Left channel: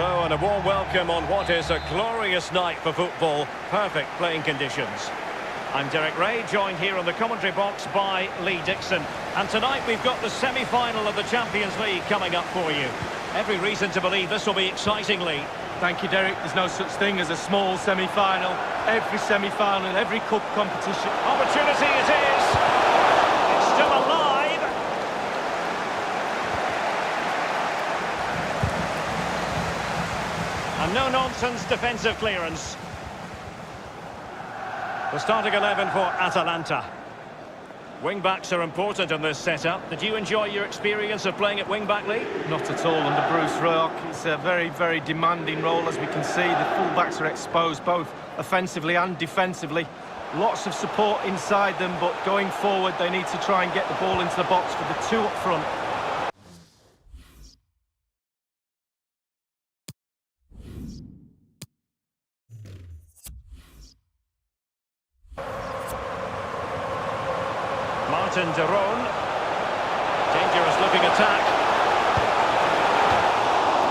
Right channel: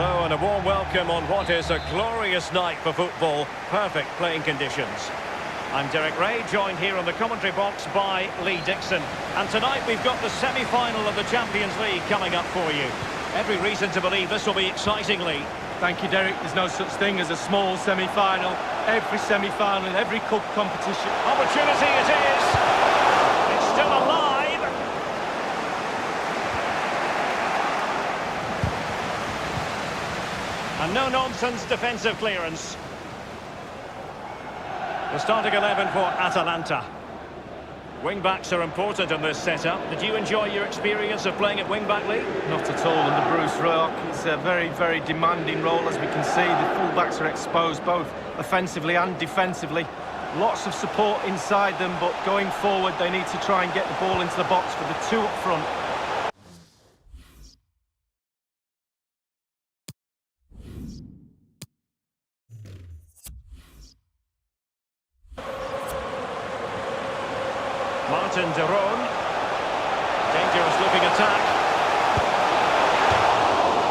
Hello and a warm welcome on what is a glorious night for football. Perfect playing conditions. I'm Derek Ray, joined here on the commentary box by Lee Dixon. And tonight we've got the semi-final of the Champions League coming up for you. Every reason to believe this will be exciting, Lee. Thank you, Derek. There's no such thing as a small semi-final. Every semi-final in every cup competition. Opportunity it is. It's still alive. And no-nonsense defensive clearance. The starting 11 for Atalanta. Wing-backs are important in this setup. Did you enjoy your experience of playing at wing-back, Lee? Not at all under Bruce Rock. It's a very, very demanding role, as we can see. The full-backs are exposed both offensively and defensively. Lots of support inside them, but going forward, they need to try and get the ball into the box for the two up front. Martin de Roon. Dangerous looking attack.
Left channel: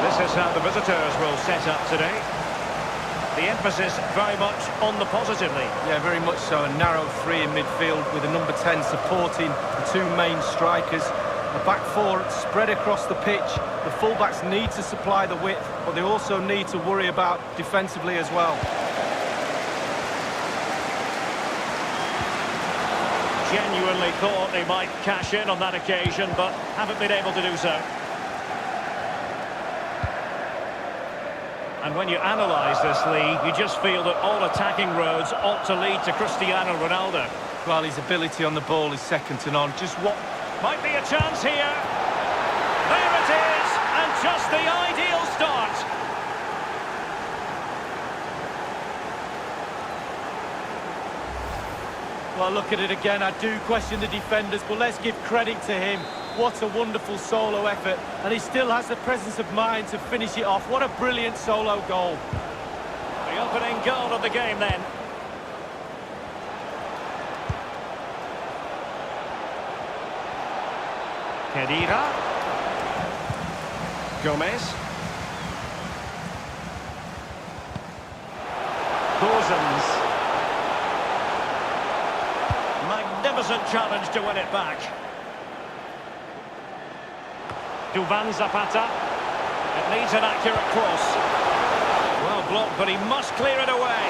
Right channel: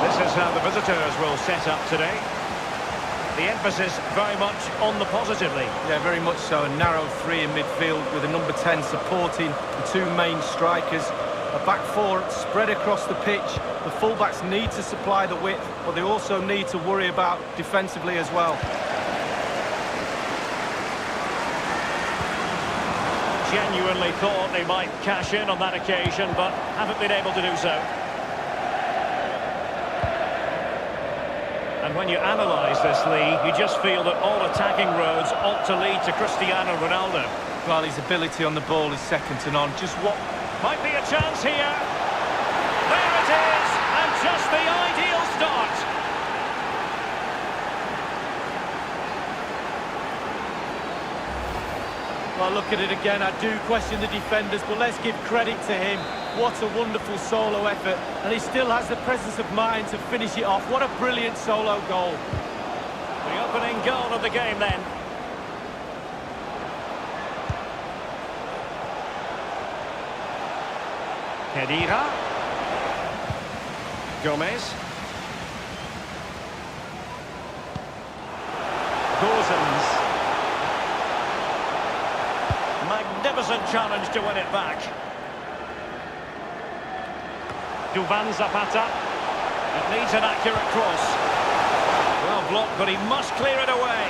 This is how the visitors will set up today. The emphasis very much on the positively. Yeah, very much so. A narrow three in midfield with a number 10 supporting the two main strikers. A back four spread across the pitch. The fullbacks need to supply the width, but they also need to worry about defensively as well. Genuinely thought they might cash in on that occasion, but haven't been able to do so. And when you analyse this, Lee, you just feel that all attacking roads ought to lead to Cristiano Ronaldo. Well, his ability on the ball is second to none. Just what might be a chance here. There it is, and just the ideal start. Well, look at it again. I do question the defenders, but let's give credit to him. What a wonderful solo effort. And he still has the presence of mind to finish it off. What a brilliant solo goal. The opening goal of the game then. Kedira. Gomez. Gozens. Magnificent challenge to win it back. Duvan Zapata. It needs an accurate cross. Well blocked, but he must clear it away.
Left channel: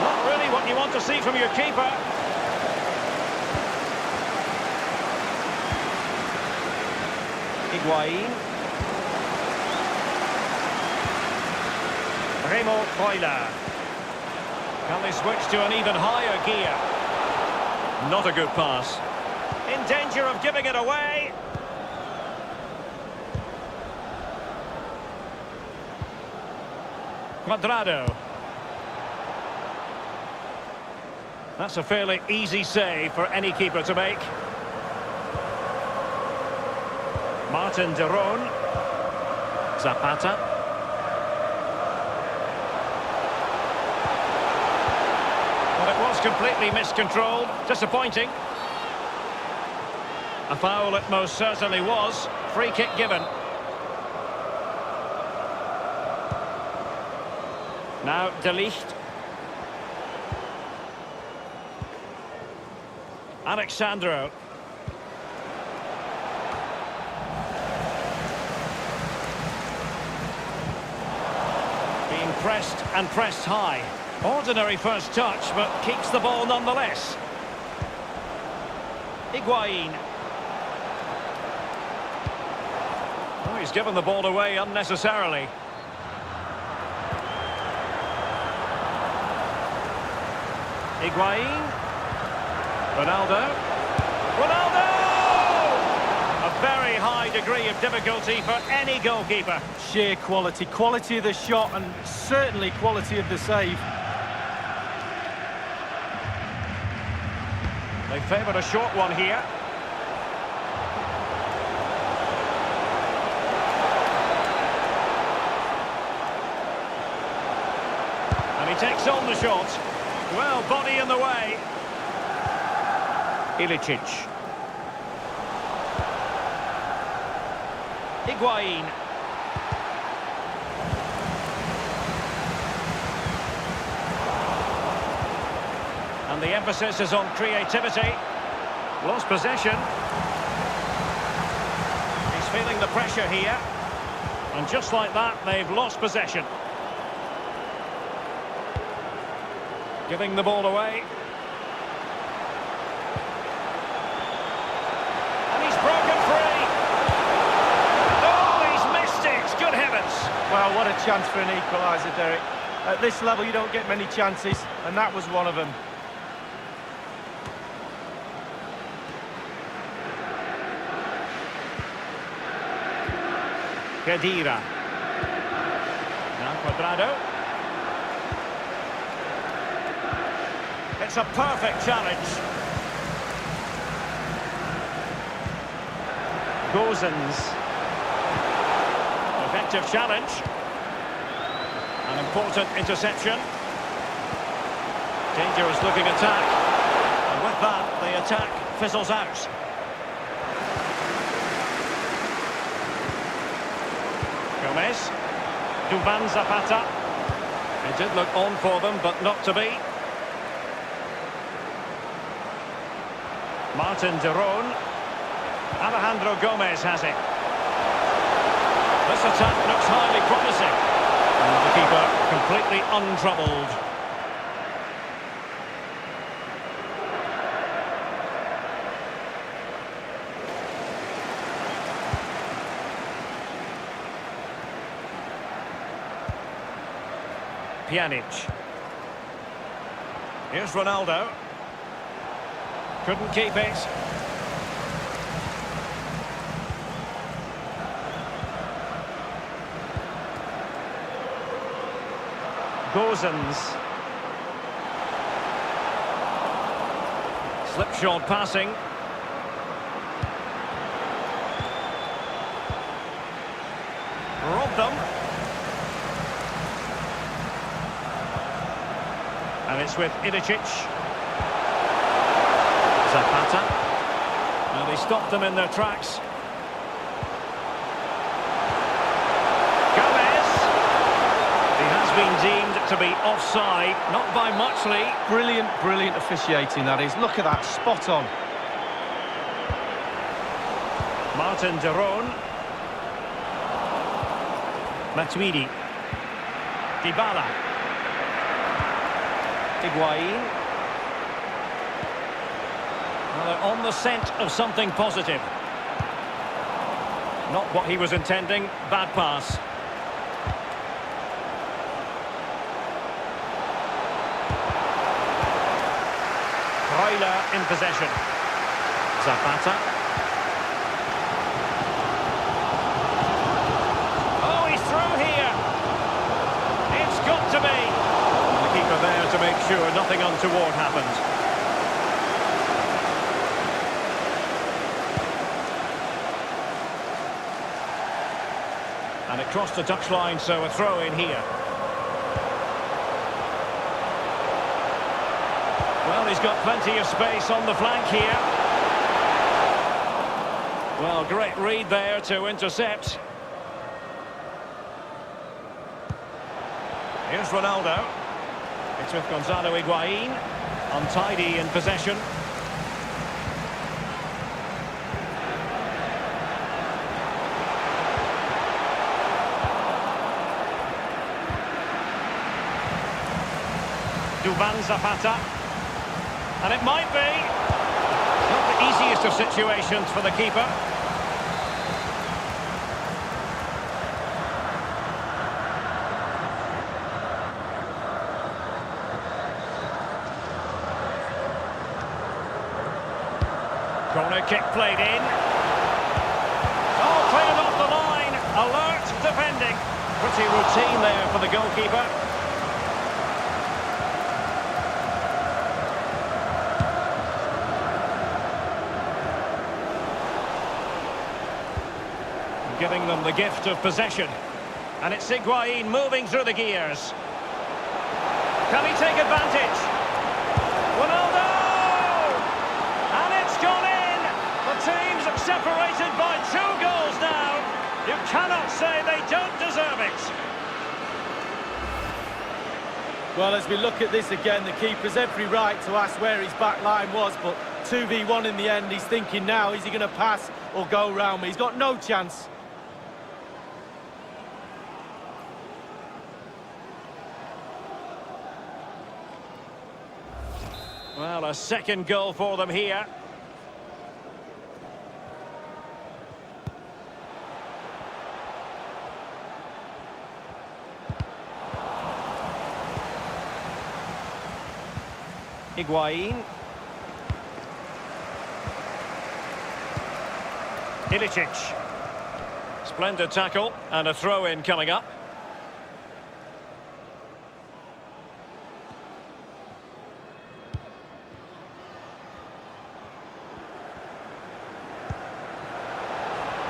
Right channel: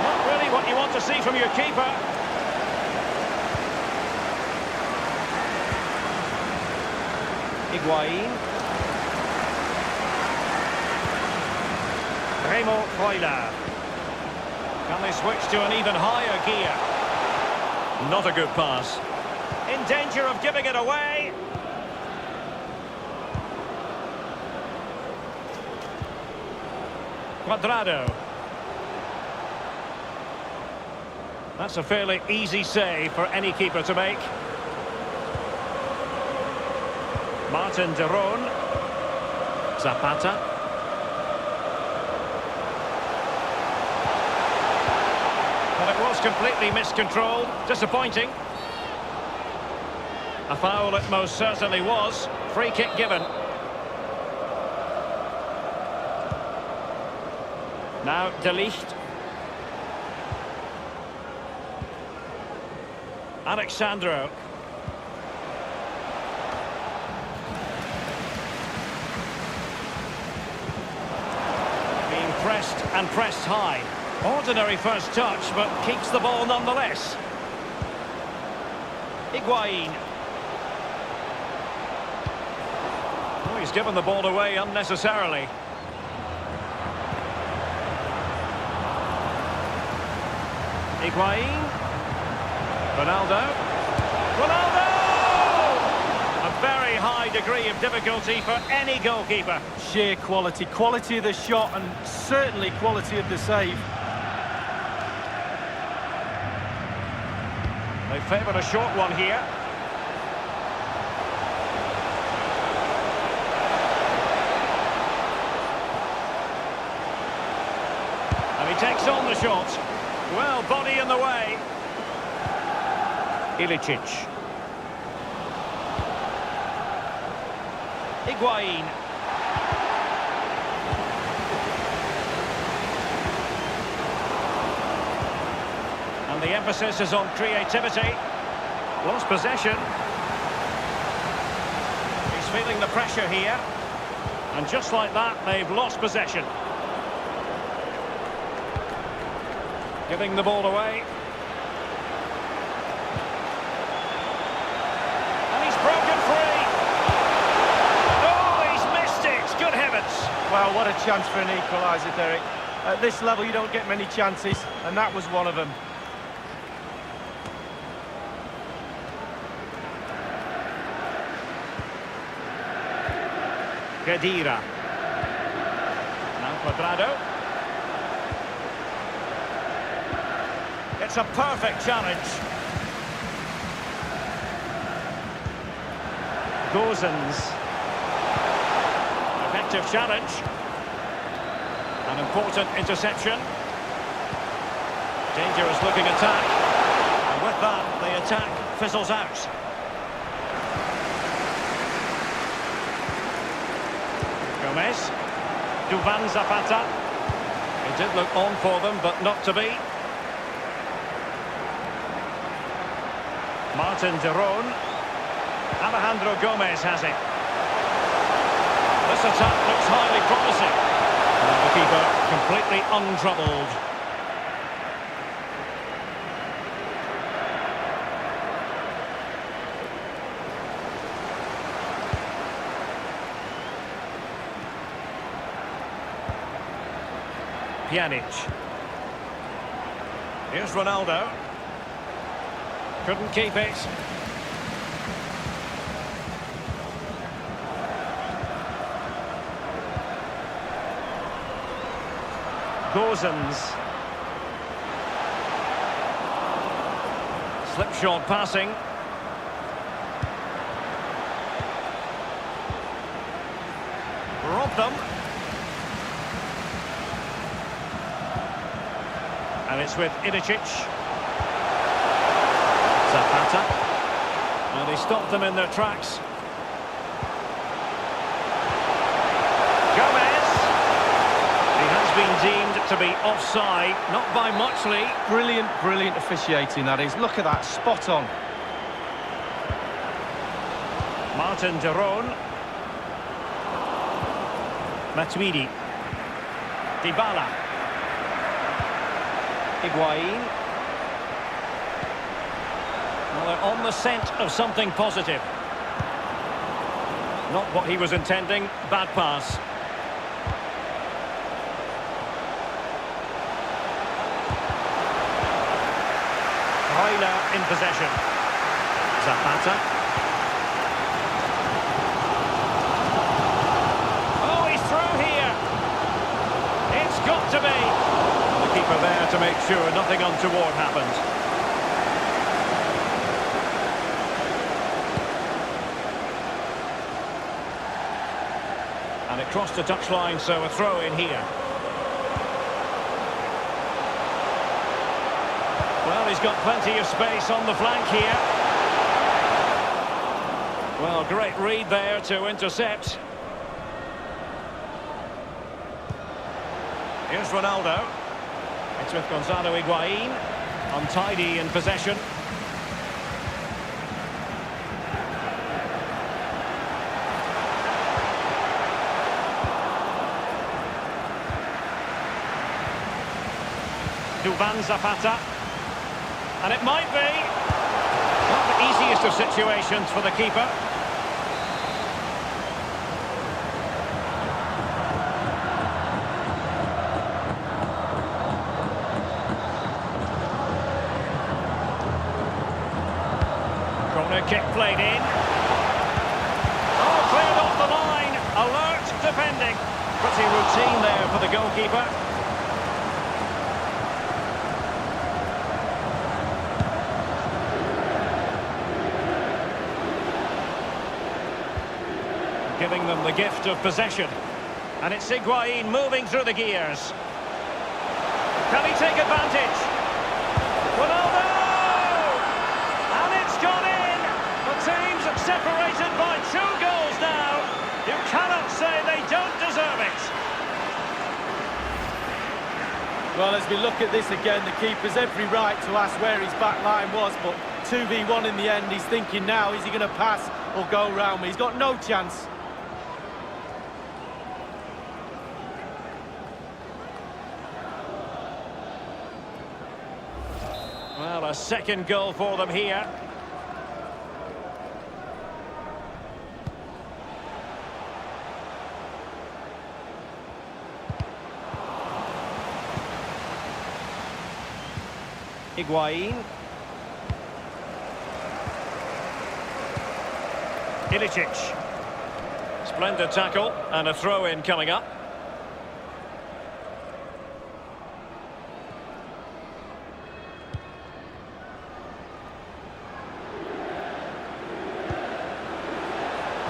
Not really what you want to see from your keeper. Higuain. Remo Freuler. Can they switch to an even higher gear? Not a good pass. In danger of giving it away. Cuadrado. That's a fairly easy save for any keeper to make. Martin de Roon. Zapata. Well, it was completely miscontrolled. Disappointing. A foul it most certainly was. Free kick given. Now De Ligt. Alexandro. Being pressed and pressed high. Ordinary first touch, but keeps the ball nonetheless. Higuain. Oh, he's given the ball away unnecessarily. Higuain. Ronaldo. Ronaldo! A very high degree of difficulty for any goalkeeper. Sheer quality. Quality of the shot and certainly quality of the save. They favoured a short one here. And he takes on the shot. Well, body in the way. Ilicic. And the emphasis is on creativity. Lost possession. He's feeling the pressure here. And just like that, they've lost possession. Giving the ball away. And he's broken free. Oh, he's missed it. Good heavens. Well, what a chance for an equaliser, Derek. At this level, you don't get many chances, and that was one of them. Khedira. Now Cuadrado. It's a perfect challenge. Gozens. Effective challenge. An important interception. Dangerous looking attack. And with that, the attack fizzles out. Gomez. Duvan Zapata. It did look on for them, but not to be. Martin de Roon. Alejandro Gomez has it. This attack looks highly promising. And the keeper completely untroubled. Pjanic. Here's Ronaldo. Couldn't keep it. Gozens. Slipshod passing. Robbed them. And it's with Ilicic. Zapata. Now they stopped them in their tracks. Gomez. He has been deemed to be offside, not by much, Lee. Brilliant, brilliant officiating, that is. Look at that, spot on. Martin de Roon. Matuidi. Dybala. Higuain. Well, they're on the scent of something positive. Not what he was intending. Bad pass. Freuler in possession. Zapata. Oh, he's through here. It's got to be. And the keeper there to make sure nothing untoward happened. And it crossed the touchline, so a throw in here. Well, he's got plenty of space on the flank here. Well, great read there to intercept. Here's Ronaldo. It's with Gonzalo Higuain. Untidy in possession. Duvan Zapata. And it might be. Not the easiest of situations for the keeper. Corner kick played in. Oh, cleared off the line. Alert defending. Pretty routine there for the goalkeeper. Giving them the gift of possession. And it's Higuain moving through the gears. Can he take advantage? Ronaldo! And it's gone in! The team's separated by 2 goals now. You cannot say they don't deserve it. Well, as we look at this again, the keeper's every right to ask where his back line was, but 2v1 in the end. He's thinking now, is he going to pass or go round me? He's got no chance. Well, a second goal for them here. Higuain. Ilicic. Splendid tackle and a throw-in coming up.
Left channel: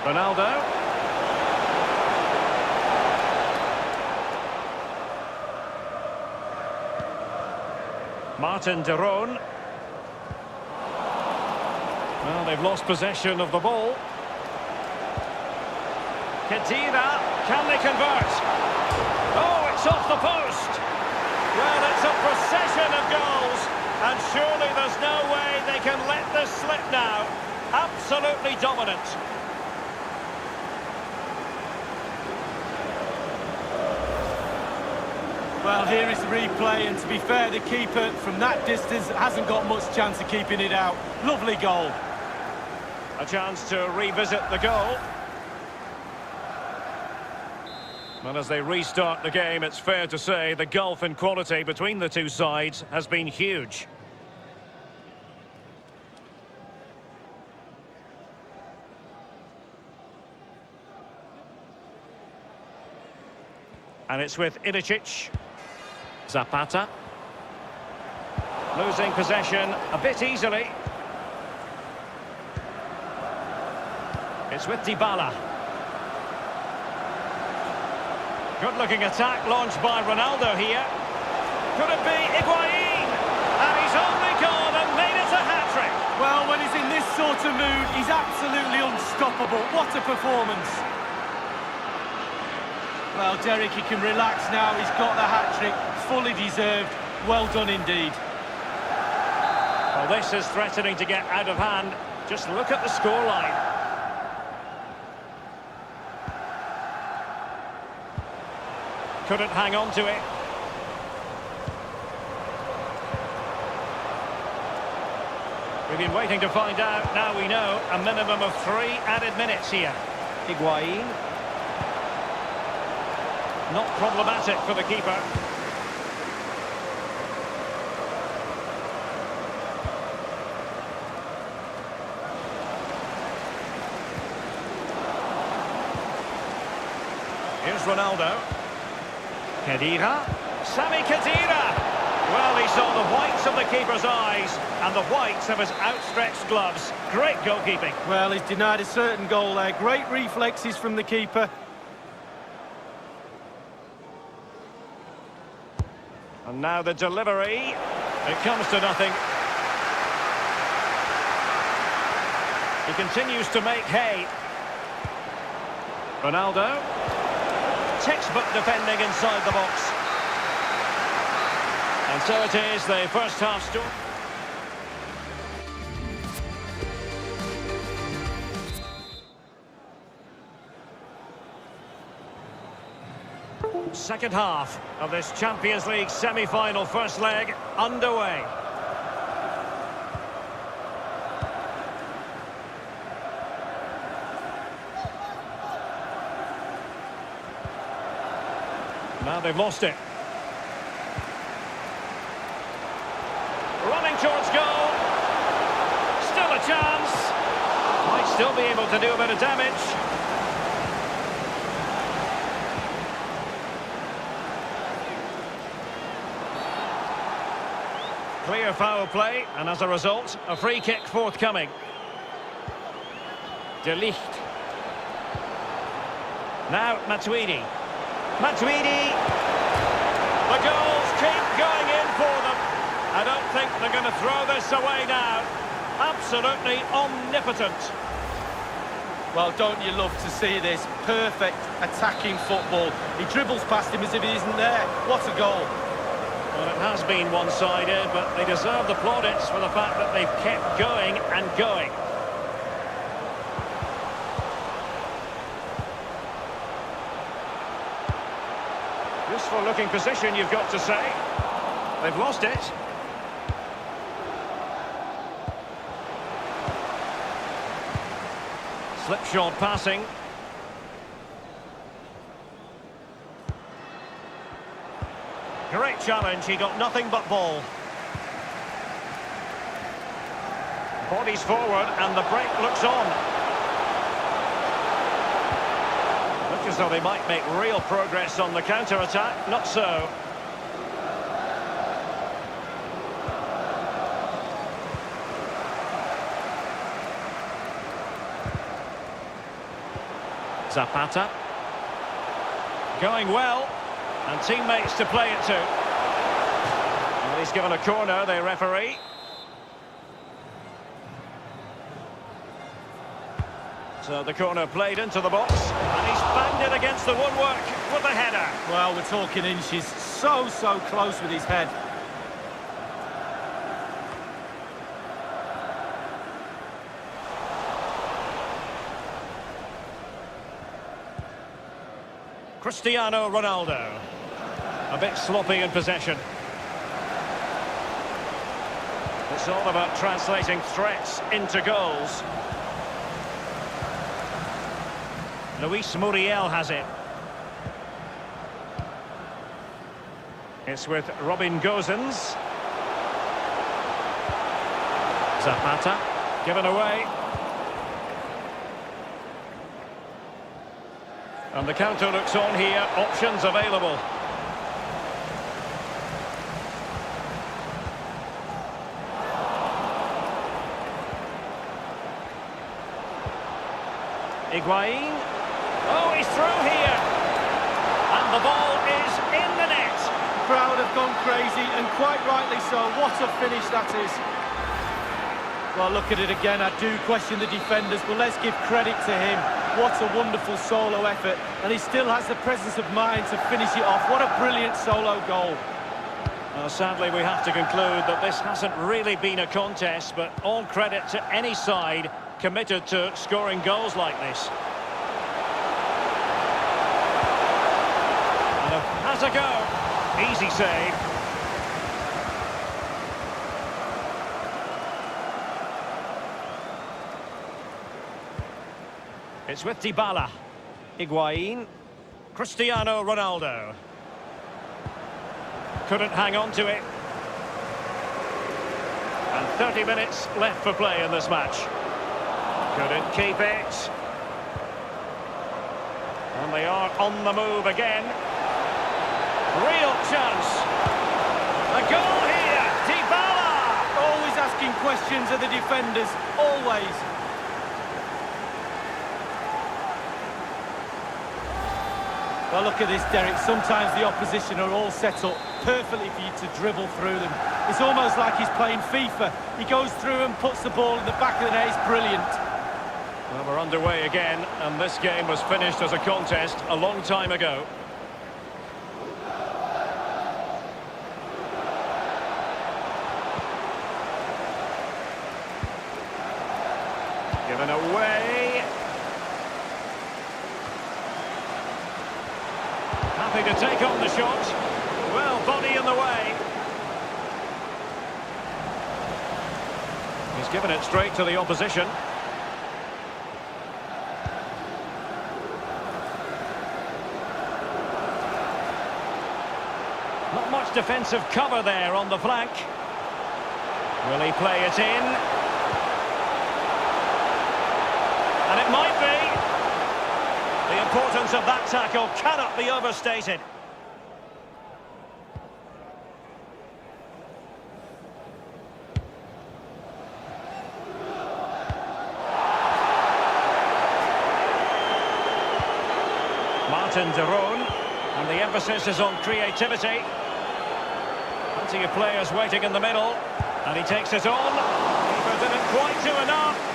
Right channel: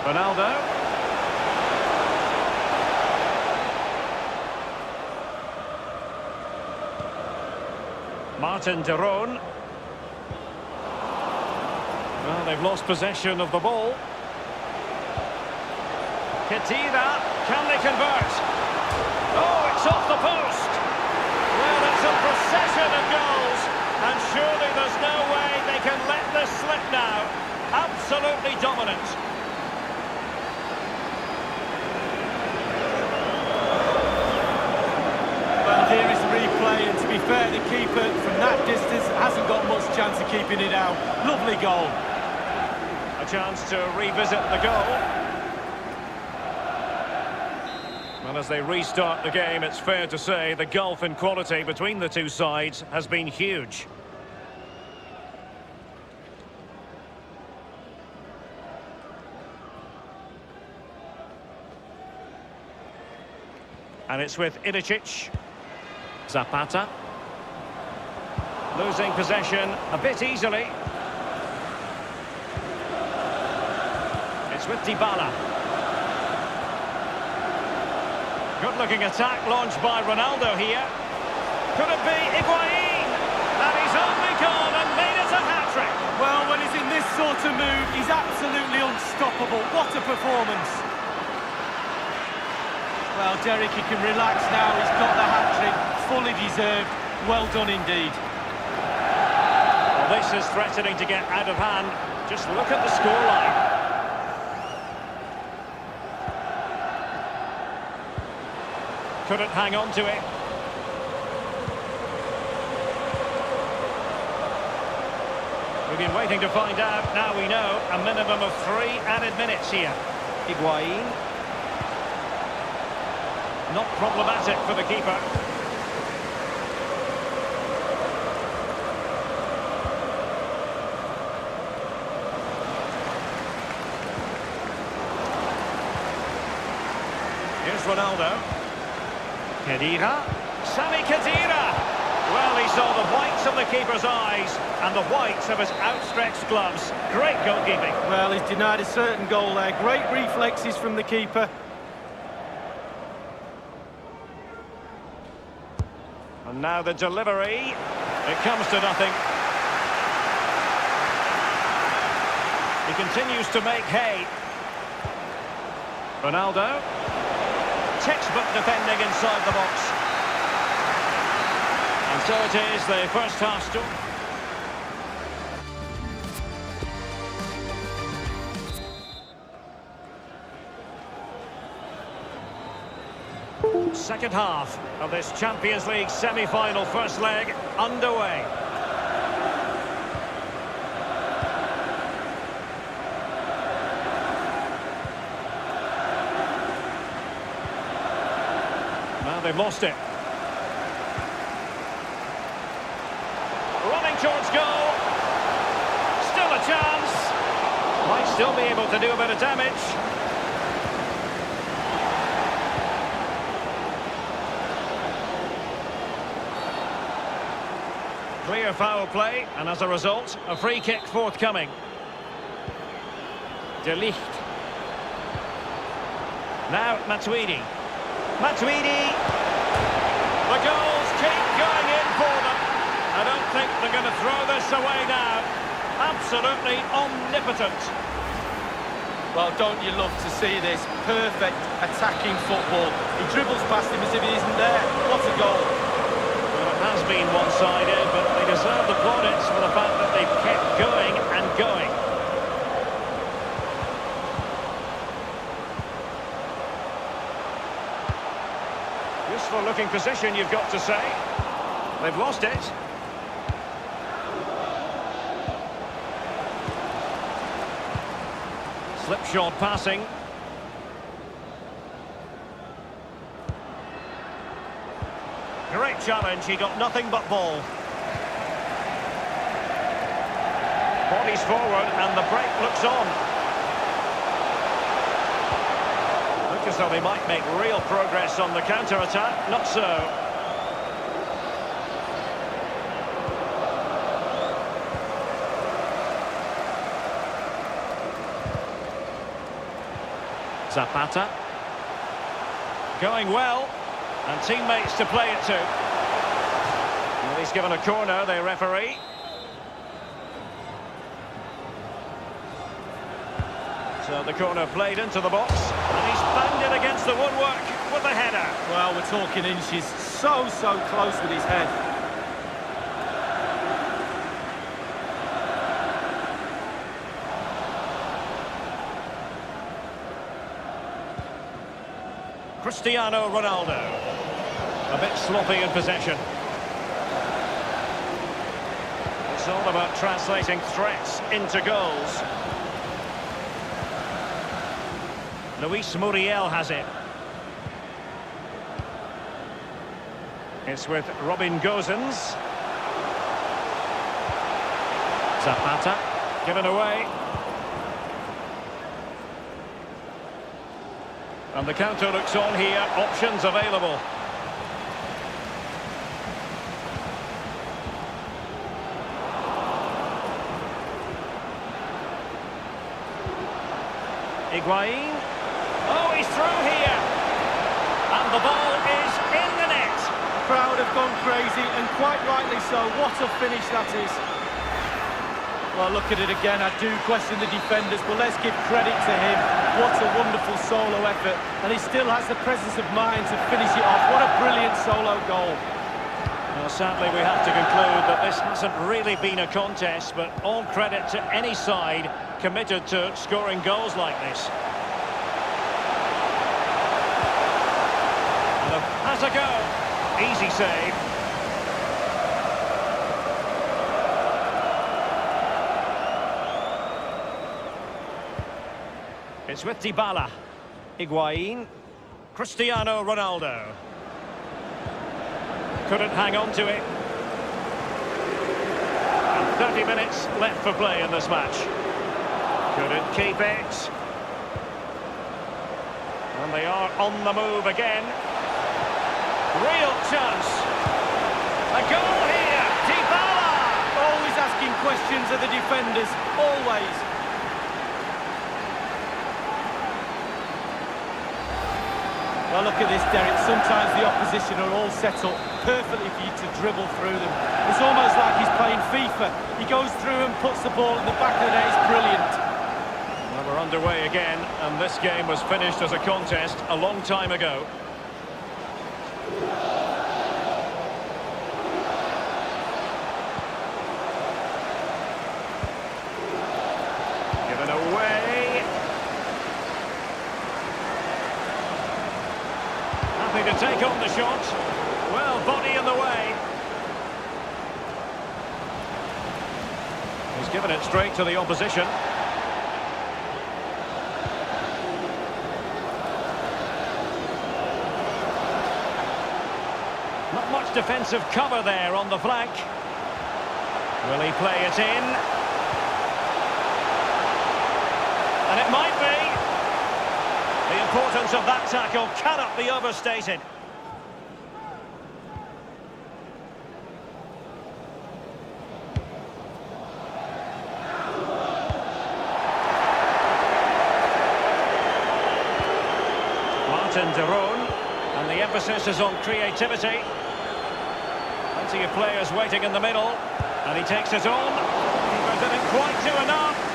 Ronaldo. Martin de Roon. Well, they've lost possession of the ball. Khedira, can they convert? Oh, it's off the post. Well, it's a procession of goals, and surely there's no way they can let this slip now. Absolutely dominant. Well, here is the replay, and to be fair, the keeper from that distance hasn't got much chance of keeping it out. Lovely goal. A chance to revisit the goal. Well, as they restart the game, it's fair to say the gulf in quality between the two sides has been huge. And it's with Ilicic. Zapata. Losing possession a bit easily. It's with Dybala. Good-looking attack launched by Ronaldo here. Could it be Higuain? And he's only gone and made it a hat-trick. Well, when he's in this sort of mood, he's absolutely unstoppable. What a performance. Well, Derek, he can relax now. He's got the hat-trick, fully deserved. Well done indeed. Well, this is threatening to get out of hand. Just look at the scoreline. Couldn't hang on to it. We've been waiting to find out. Now we know a minimum of 3 added minutes here. Higuain. Not problematic for the keeper. Here's Ronaldo. Khedira. Sami Khedira. Well, he saw the whites of the keeper's eyes and the whites of his outstretched gloves. Great goalkeeping. Well, he's denied a certain goal there. Great reflexes from the keeper. And now the delivery. It comes to nothing. He continues to make hay. Ronaldo. Textbook defending inside the box. And so it is, the first half story. Second half of this Champions League semi-final first leg underway. Now they've lost it. Running towards goal. Still a chance. Might still be able to do a bit of damage. Clear foul play, and as a result, a free kick forthcoming. De Ligt. Now Matuidi. Matuidi! The goals keep going in for them. I don't think they're going to throw this away now. Absolutely omnipotent. Well, don't you love to see this? Perfect attacking football. He dribbles past him as if he isn't there. What a goal. Well, it has been one-sided, but they deserve the plaudits for the fact that they've kept going and going. Useful looking position, you've got to say. They've lost it. Slipshod passing. Great challenge, he got nothing but ball. Bodies forward and the break looks on. Look as though they might make real progress on the counter-attack. Not so. Zapata. Going well. And teammates to play it to. Well, he's given a corner, the referee. So the corner played into the box. And he's banged it against the woodwork with the header. Well, we're talking inches. So close with his head. Cristiano Ronaldo. A bit sloppy in possession. It's all about translating threats into goals. Luis Muriel has it. It's with Robin Gosens. Zapata. Given away. And the counter looks on here. Options available. Higuain. Oh, he's through here. And the ball is in the net. The crowd have gone crazy, and quite rightly so. What a finish that is. Well, look at it again. I do question the defenders, but let's give credit to him. What a wonderful solo effort. And he still has the presence of mind to finish it off. What a brilliant solo goal. Well, sadly, we have to conclude that this hasn't really been a contest, but all credit to any side committed to scoring goals like this. And has a go. Easy save. It's with Dybala. Higuain. Cristiano Ronaldo. Couldn't hang on to it. And 30 minutes left for play in this match. Couldn't keep it. And they are on the move again. Real chance. A goal here. Dybala! Always asking questions of the defenders. Always. Well, look at this, Derek. Sometimes the opposition are all set up perfectly for you to dribble through them. It's almost like he's playing FIFA. He goes through and puts the ball in the back of the net. It's brilliant. Well, we're underway again, and this game was finished as a contest a long time ago. Given away. Happy to take on the shot. Well, body in the way. He's given it straight to the opposition. Not much defensive cover there on the flank. Will he play it in? And it might be. The importance of that tackle cannot be overstated. Martin de Roon, and the emphasis is on creativity. Plenty of players waiting in the middle, and he takes it on. Keeper didn't quite do enough.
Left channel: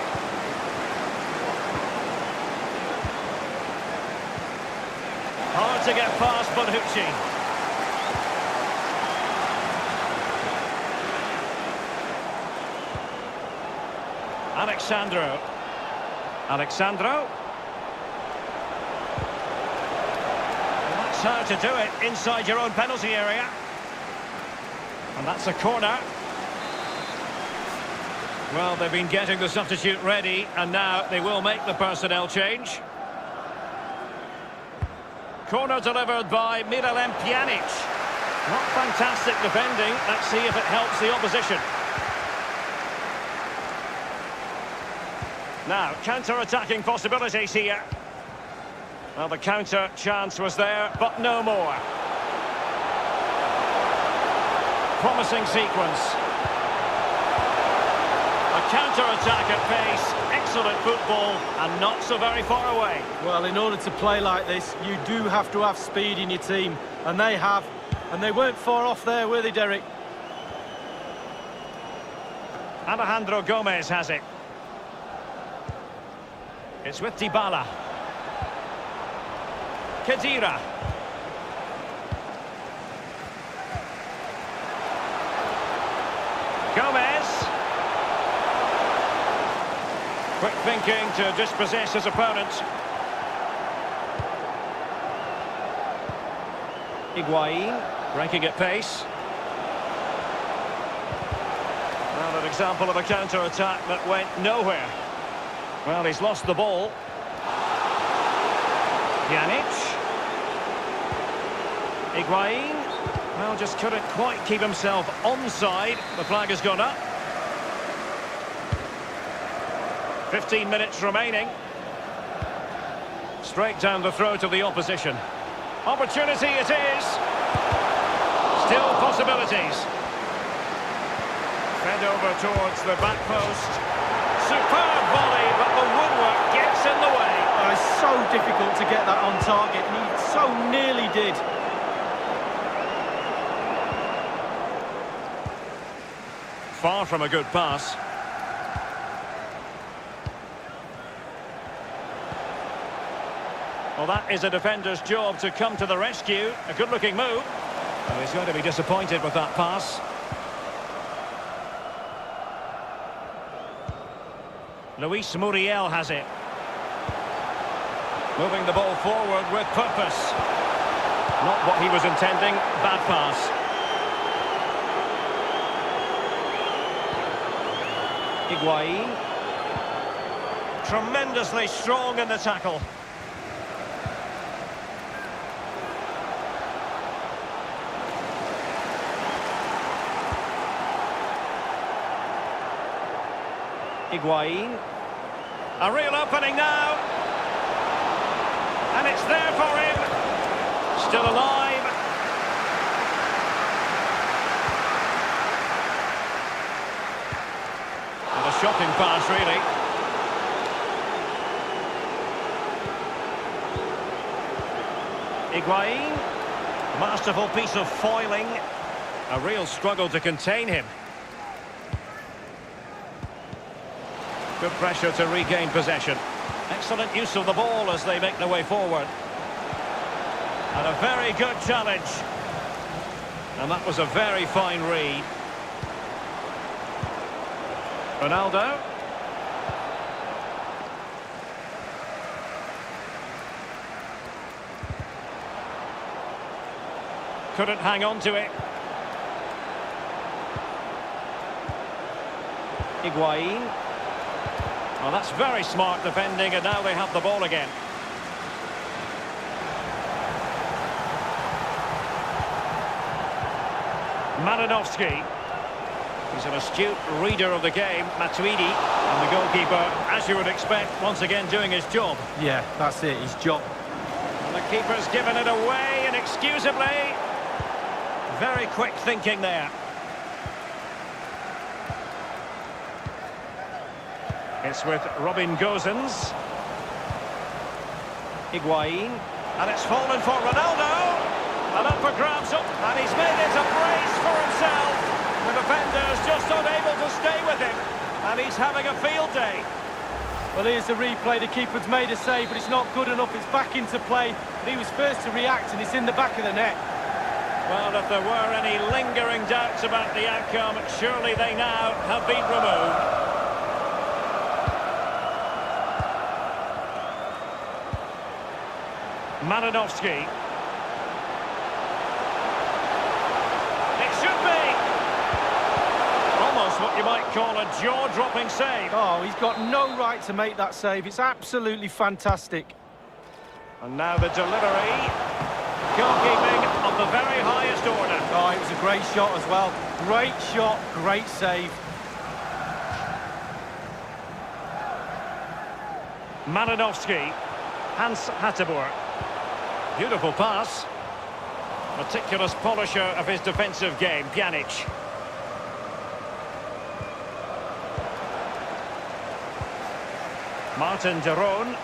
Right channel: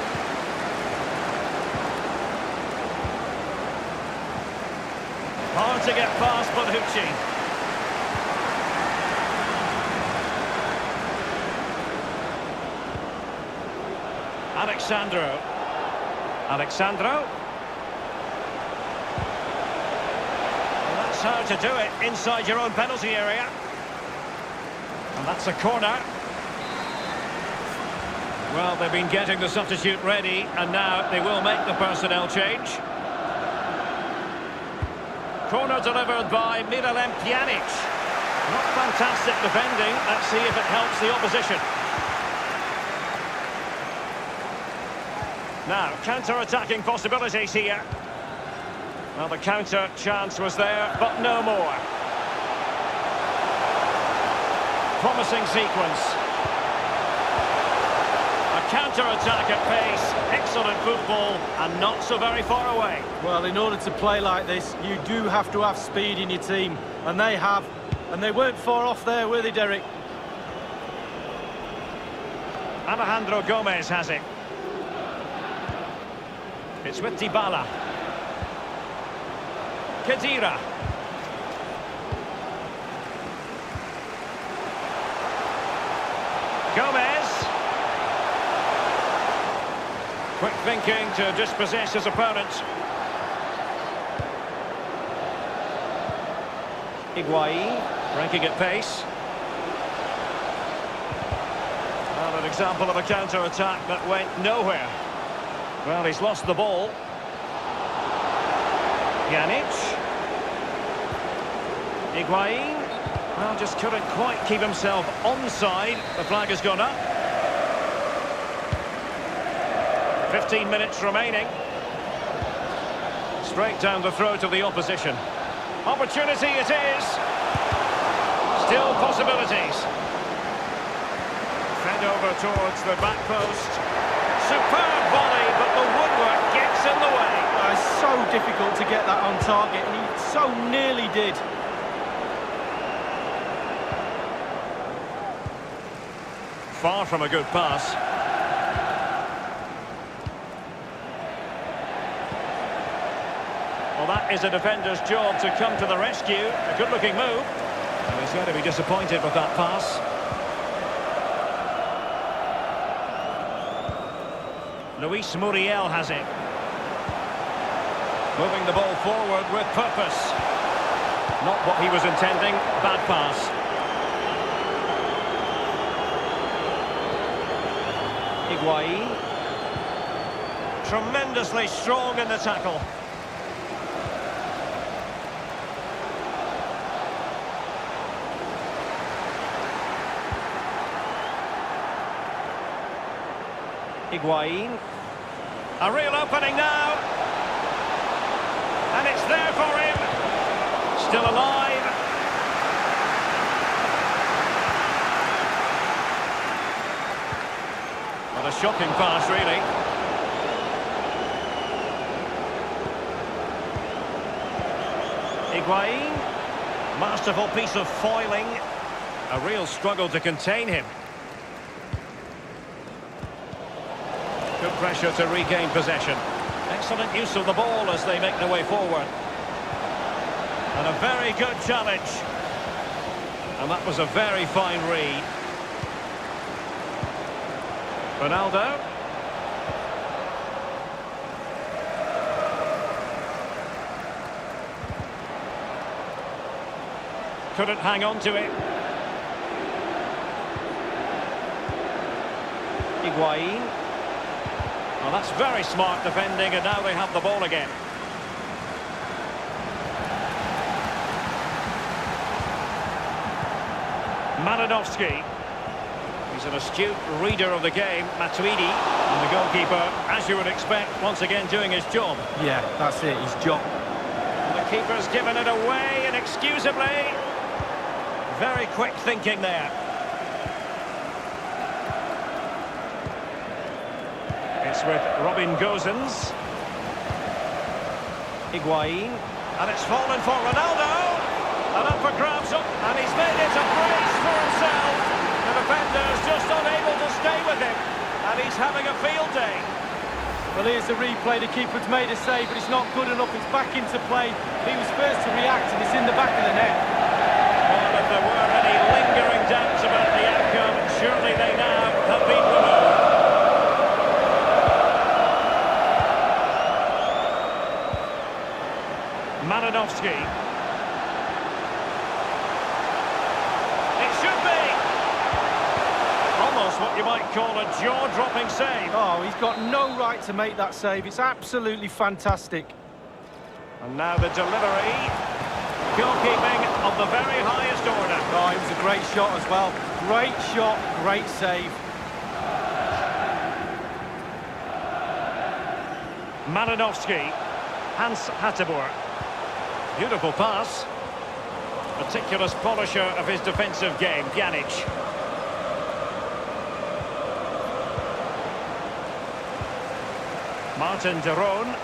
Hard to get past Bonucci. Alexandro. Alexandro. Well, that's how to do it inside your own penalty area. And that's a corner. Well, they've been getting the substitute ready, and now they will make the personnel change. Corner delivered by Miralem Pjanic. Not fantastic defending. Let's see if it helps the opposition. Now, counter-attacking possibilities here. Well, the counter chance was there, but no more. Promising sequence. A counter-attack at pace, excellent football, and not so very far away. Well, in order to play like this, you do have to have speed in your team, and they have. And they weren't far off there, were they, Derek? Alejandro Gomez has it. It's with Dybala. Khedira. Gomez. Quick thinking to dispossess his opponent. Higuain, breaking at pace. Well, an example of a counter-attack that went nowhere. Well, he's lost the ball. Pjanic. Higuain. Well, just couldn't quite keep himself onside. The flag has gone up. 15 minutes remaining. Straight down the throat of the opposition. Opportunity it is. Still possibilities. Fed over towards the back post. Superb volley, but the woodwork gets in the way. Oh, it's so difficult to get that on target, and he so nearly did. Far from a good pass. Well, that is a defender's job to come to the rescue. A good-looking move. And he's going to be disappointed with that pass. Luis Muriel has it. Moving the ball forward with purpose. Not what he was intending. Bad pass. Higuain. Tremendously strong in the tackle. Higuain. A real opening now. And it's there for him. Still alive. What a shocking pass, really. Higuain. Masterful piece of foiling. A real struggle to contain him. Good pressure to regain possession. Excellent use of the ball as they make their way forward. And a very good challenge. And that was a very fine read. Ronaldo. Couldn't hang on to it. Higuain. Well, that's very smart defending, and now they have the ball again. Malinovsky. He's an astute reader of the game, Matuidi. And the goalkeeper, as you would expect, once again doing his job. Yeah, that's it, his job. And the keeper's given it away inexcusably. Very quick thinking there. It's with Robin Gosens. Higuain. And it's fallen for Ronaldo. And up for grabs up. And he's made it a brace for himself. The defender's just unable to stay with him. And he's having a field day. Well, here's the replay. The keeper's made a save, but it's not good enough. It's back into play. But he was first to react, and it's in the back of the net. Well, if there were any lingering doubts about the outcome, surely they now have been removed. Malinovsky. It should be! Almost what you might call a jaw-dropping save. Oh, he's got no right to make that save. It's absolutely fantastic. And now the delivery. Goalkeeping of the very highest order. Oh, it was a great shot as well. Great shot, great save. Malinovsky. Hans Hateboer. Beautiful pass. Meticulous polisher of his defensive game, Pjanic. Martin de Roon.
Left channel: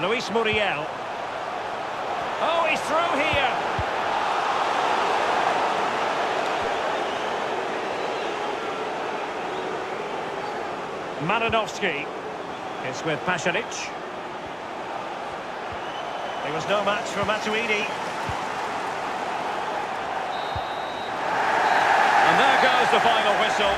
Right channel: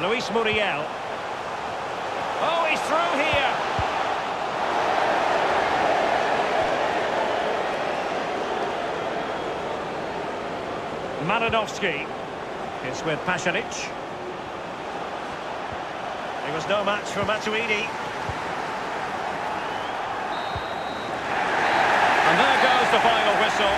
Luis Muriel. Oh, he's through here. Malinovsky. It's with Pjanic. He was no match for Matuidi. And there goes the final whistle.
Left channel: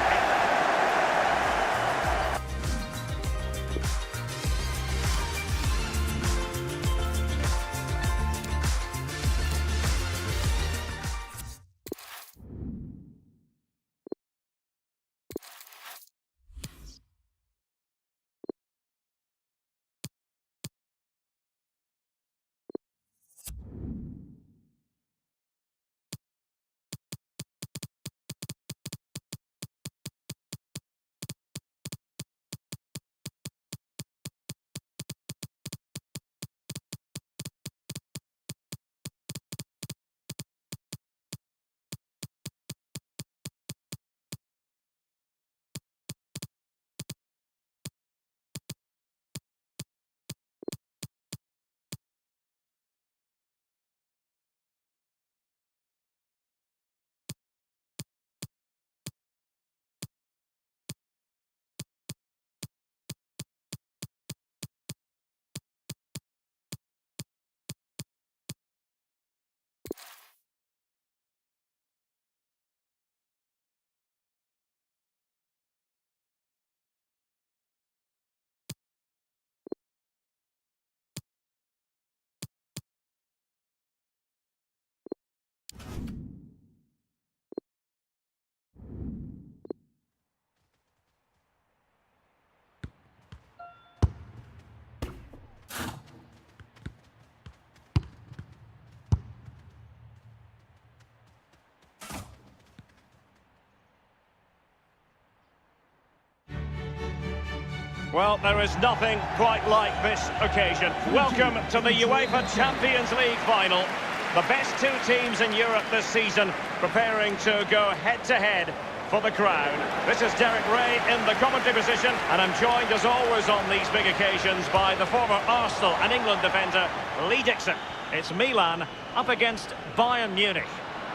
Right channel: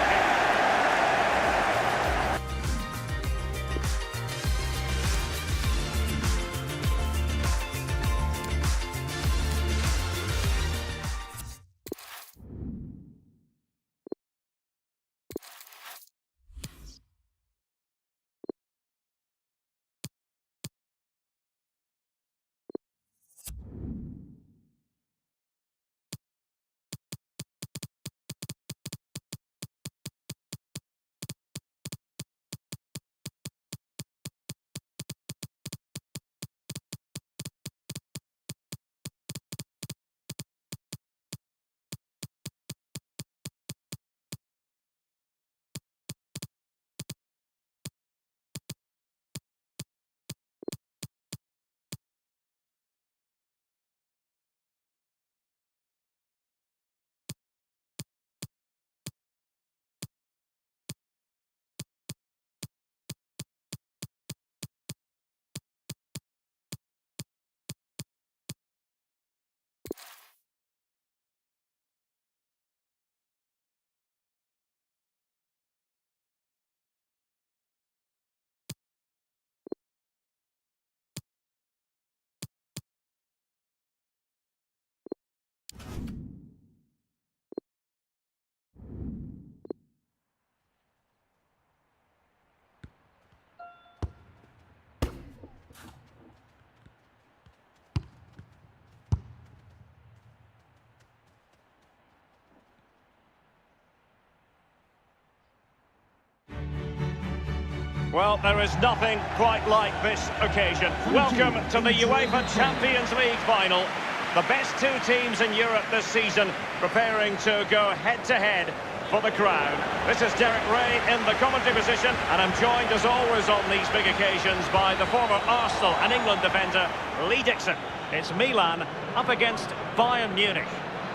Well, there is nothing quite like this occasion. Welcome to the UEFA Champions League final. The best two teams in Europe this season preparing to go head-to-head for the crown. This is Derek Ray in the commentary position, and I'm joined as always on these big occasions by the former Arsenal and England defender, Lee Dixon. It's Milan up against Bayern Munich.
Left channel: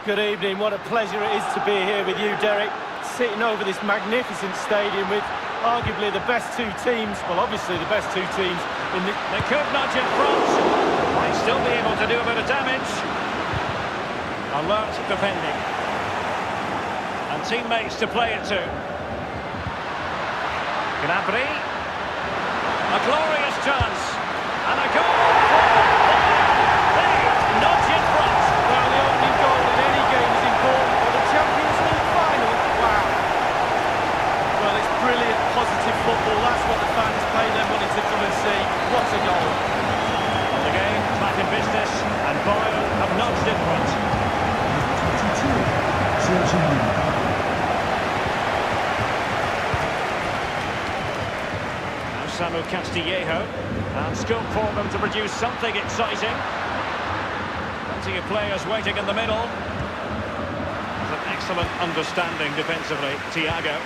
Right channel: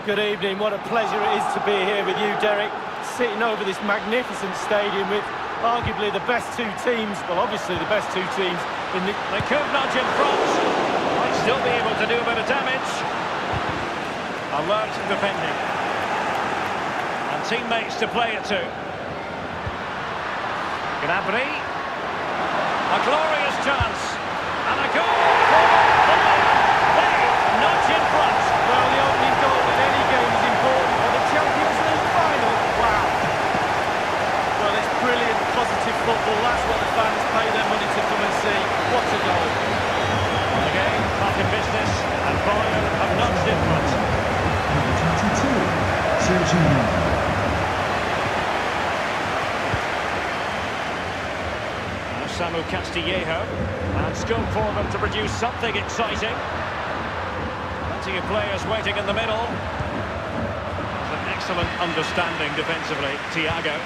Good evening, what a pleasure it is to be here with you, Derek. Sitting over this magnificent stadium with arguably the best two teams, well, obviously the best two teams in the... They could nudge in front, might still be able to do a bit of damage. Alert defending. And teammates to play it to. Gnabry. A glorious chance. And a goal for Bayern. They nudge in front. Well, the opening goal in any game is important for the Champions League final. Wow. Well, it's brilliant, positive football. That's what the fans pay their money to come and see. What a goal. On the game, back in business, and Bayern have nudged in front. Number 22, Sergio. Now Samu Castillejo, and scope for them to produce something exciting. Plenty of players waiting in the middle. There's an excellent understanding defensively, Thiago.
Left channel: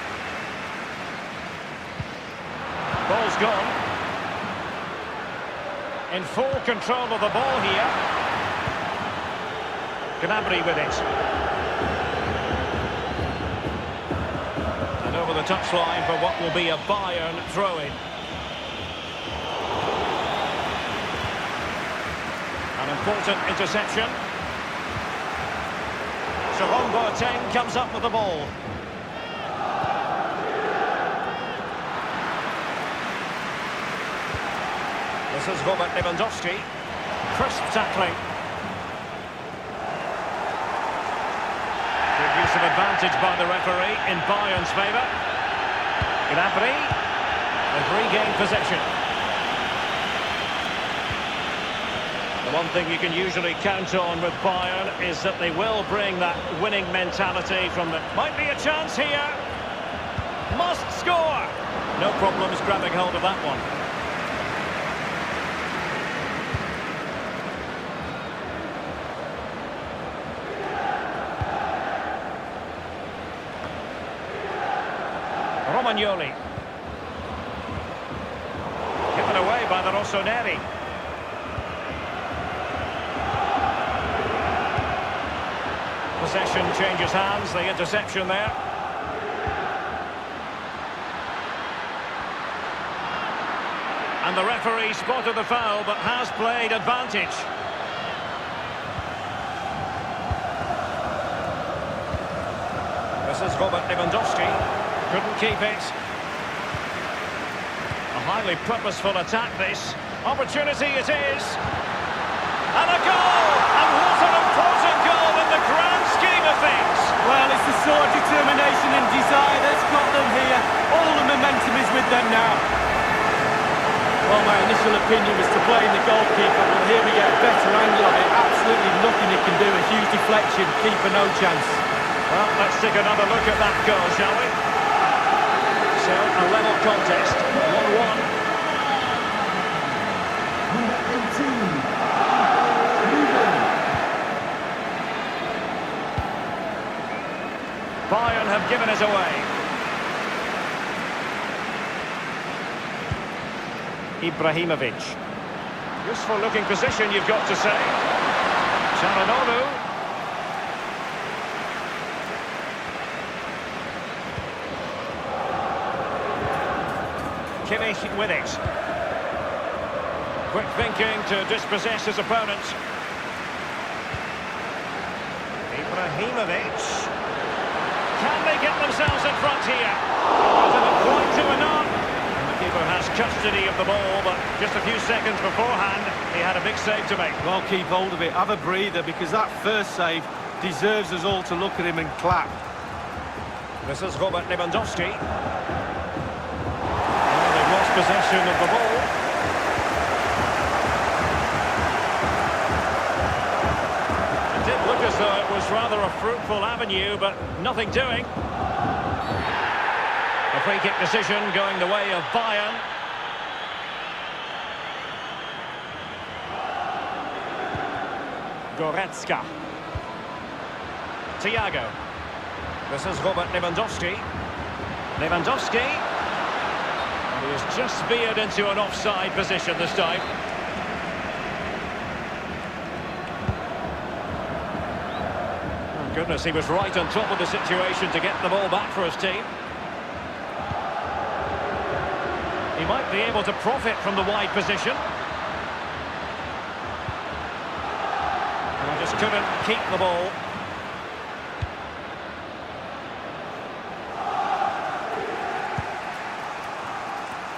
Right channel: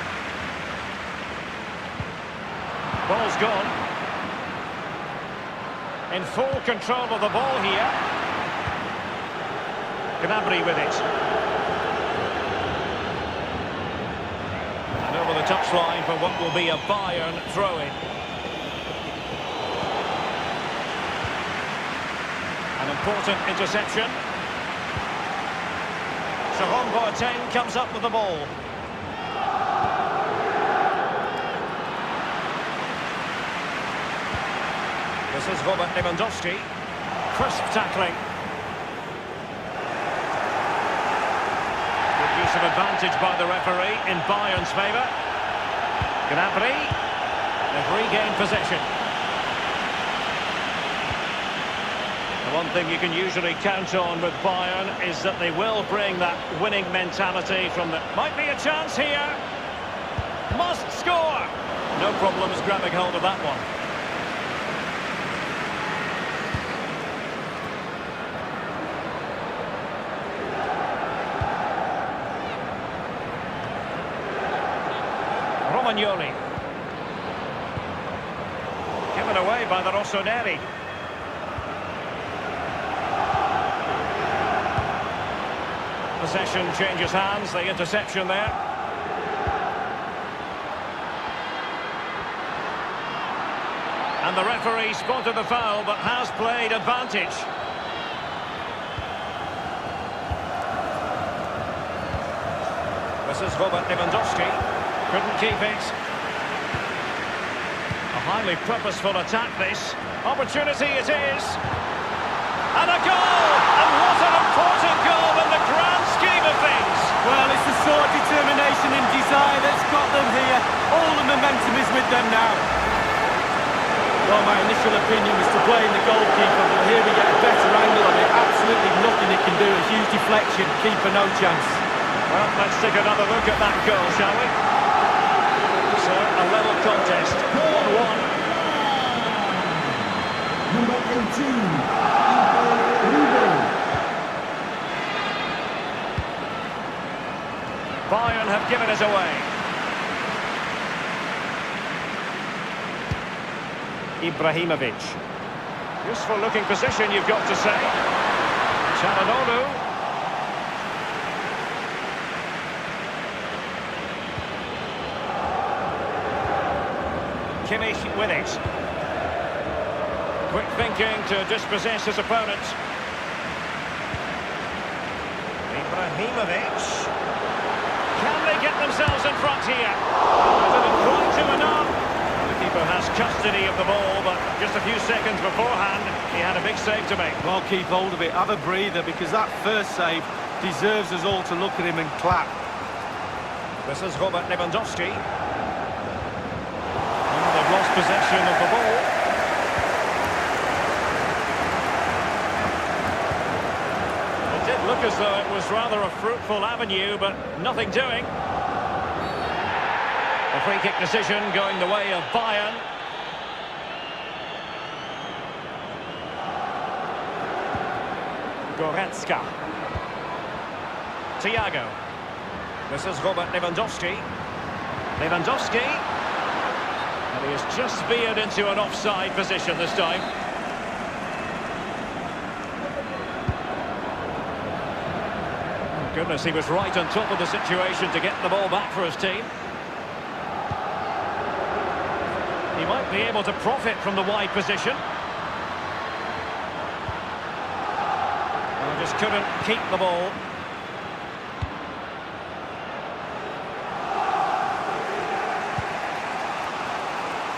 Ball's gone. In full control of the ball here. Gnabry with it. And over the touchline for what will be a Bayern throw-in. An important interception. Jerome Boateng comes up with the ball. This is Robert Lewandowski. Crisp tackling. Good use of advantage by the referee in Bayern's favour. Gnabry. They've regained possession. The one thing you can usually count on with Bayern is that they will bring that winning mentality from the... Might be a chance here. Must score. No problems grabbing hold of that one. Romagnoli. Given away by the Rossoneri. Possession changes hands, the interception there. And the referee spotted the foul, but has played advantage. This is Robert Lewandowski. Couldn't keep it. A highly purposeful attack, this. Opportunity it is. And a goal! And what an important goal in the grand scheme of things! Well, it's the sort of determination and desire that's got them here. All the momentum is with them now. Well, my initial opinion was to blame the goalkeeper, but here we get a better angle of it. Absolutely nothing he can do. A huge deflection. Keeper no chance. Well, let's take another look at that goal, shall we? So, a level contest. 1-1. Number 18. Bayern have given it away. Ibrahimovic. Useful looking position, you've got to say. Çalhanoğlu. Kimmich with it. Quick thinking to dispossess his opponent. Ibrahimovic. Can they get themselves in front here? Didn't quite do enough. And the keeper has custody of the ball, but just a few seconds beforehand, he had a big save to make. Well, keep hold of it. Have a breather, because that first save deserves us all to look at him and clap. This is Robert Lewandowski. Well, they've lost possession of the ball. It did look as though it was rather a fruitful avenue, but nothing doing. A free kick decision going the way of Bayern. Goretzka. Thiago. This is Robert Lewandowski. Lewandowski. And he has just veered into an offside position this time. Oh, goodness, he was right on top of the situation to get the ball back for his team. He might be able to profit from the wide position. Oh, just couldn't keep the ball.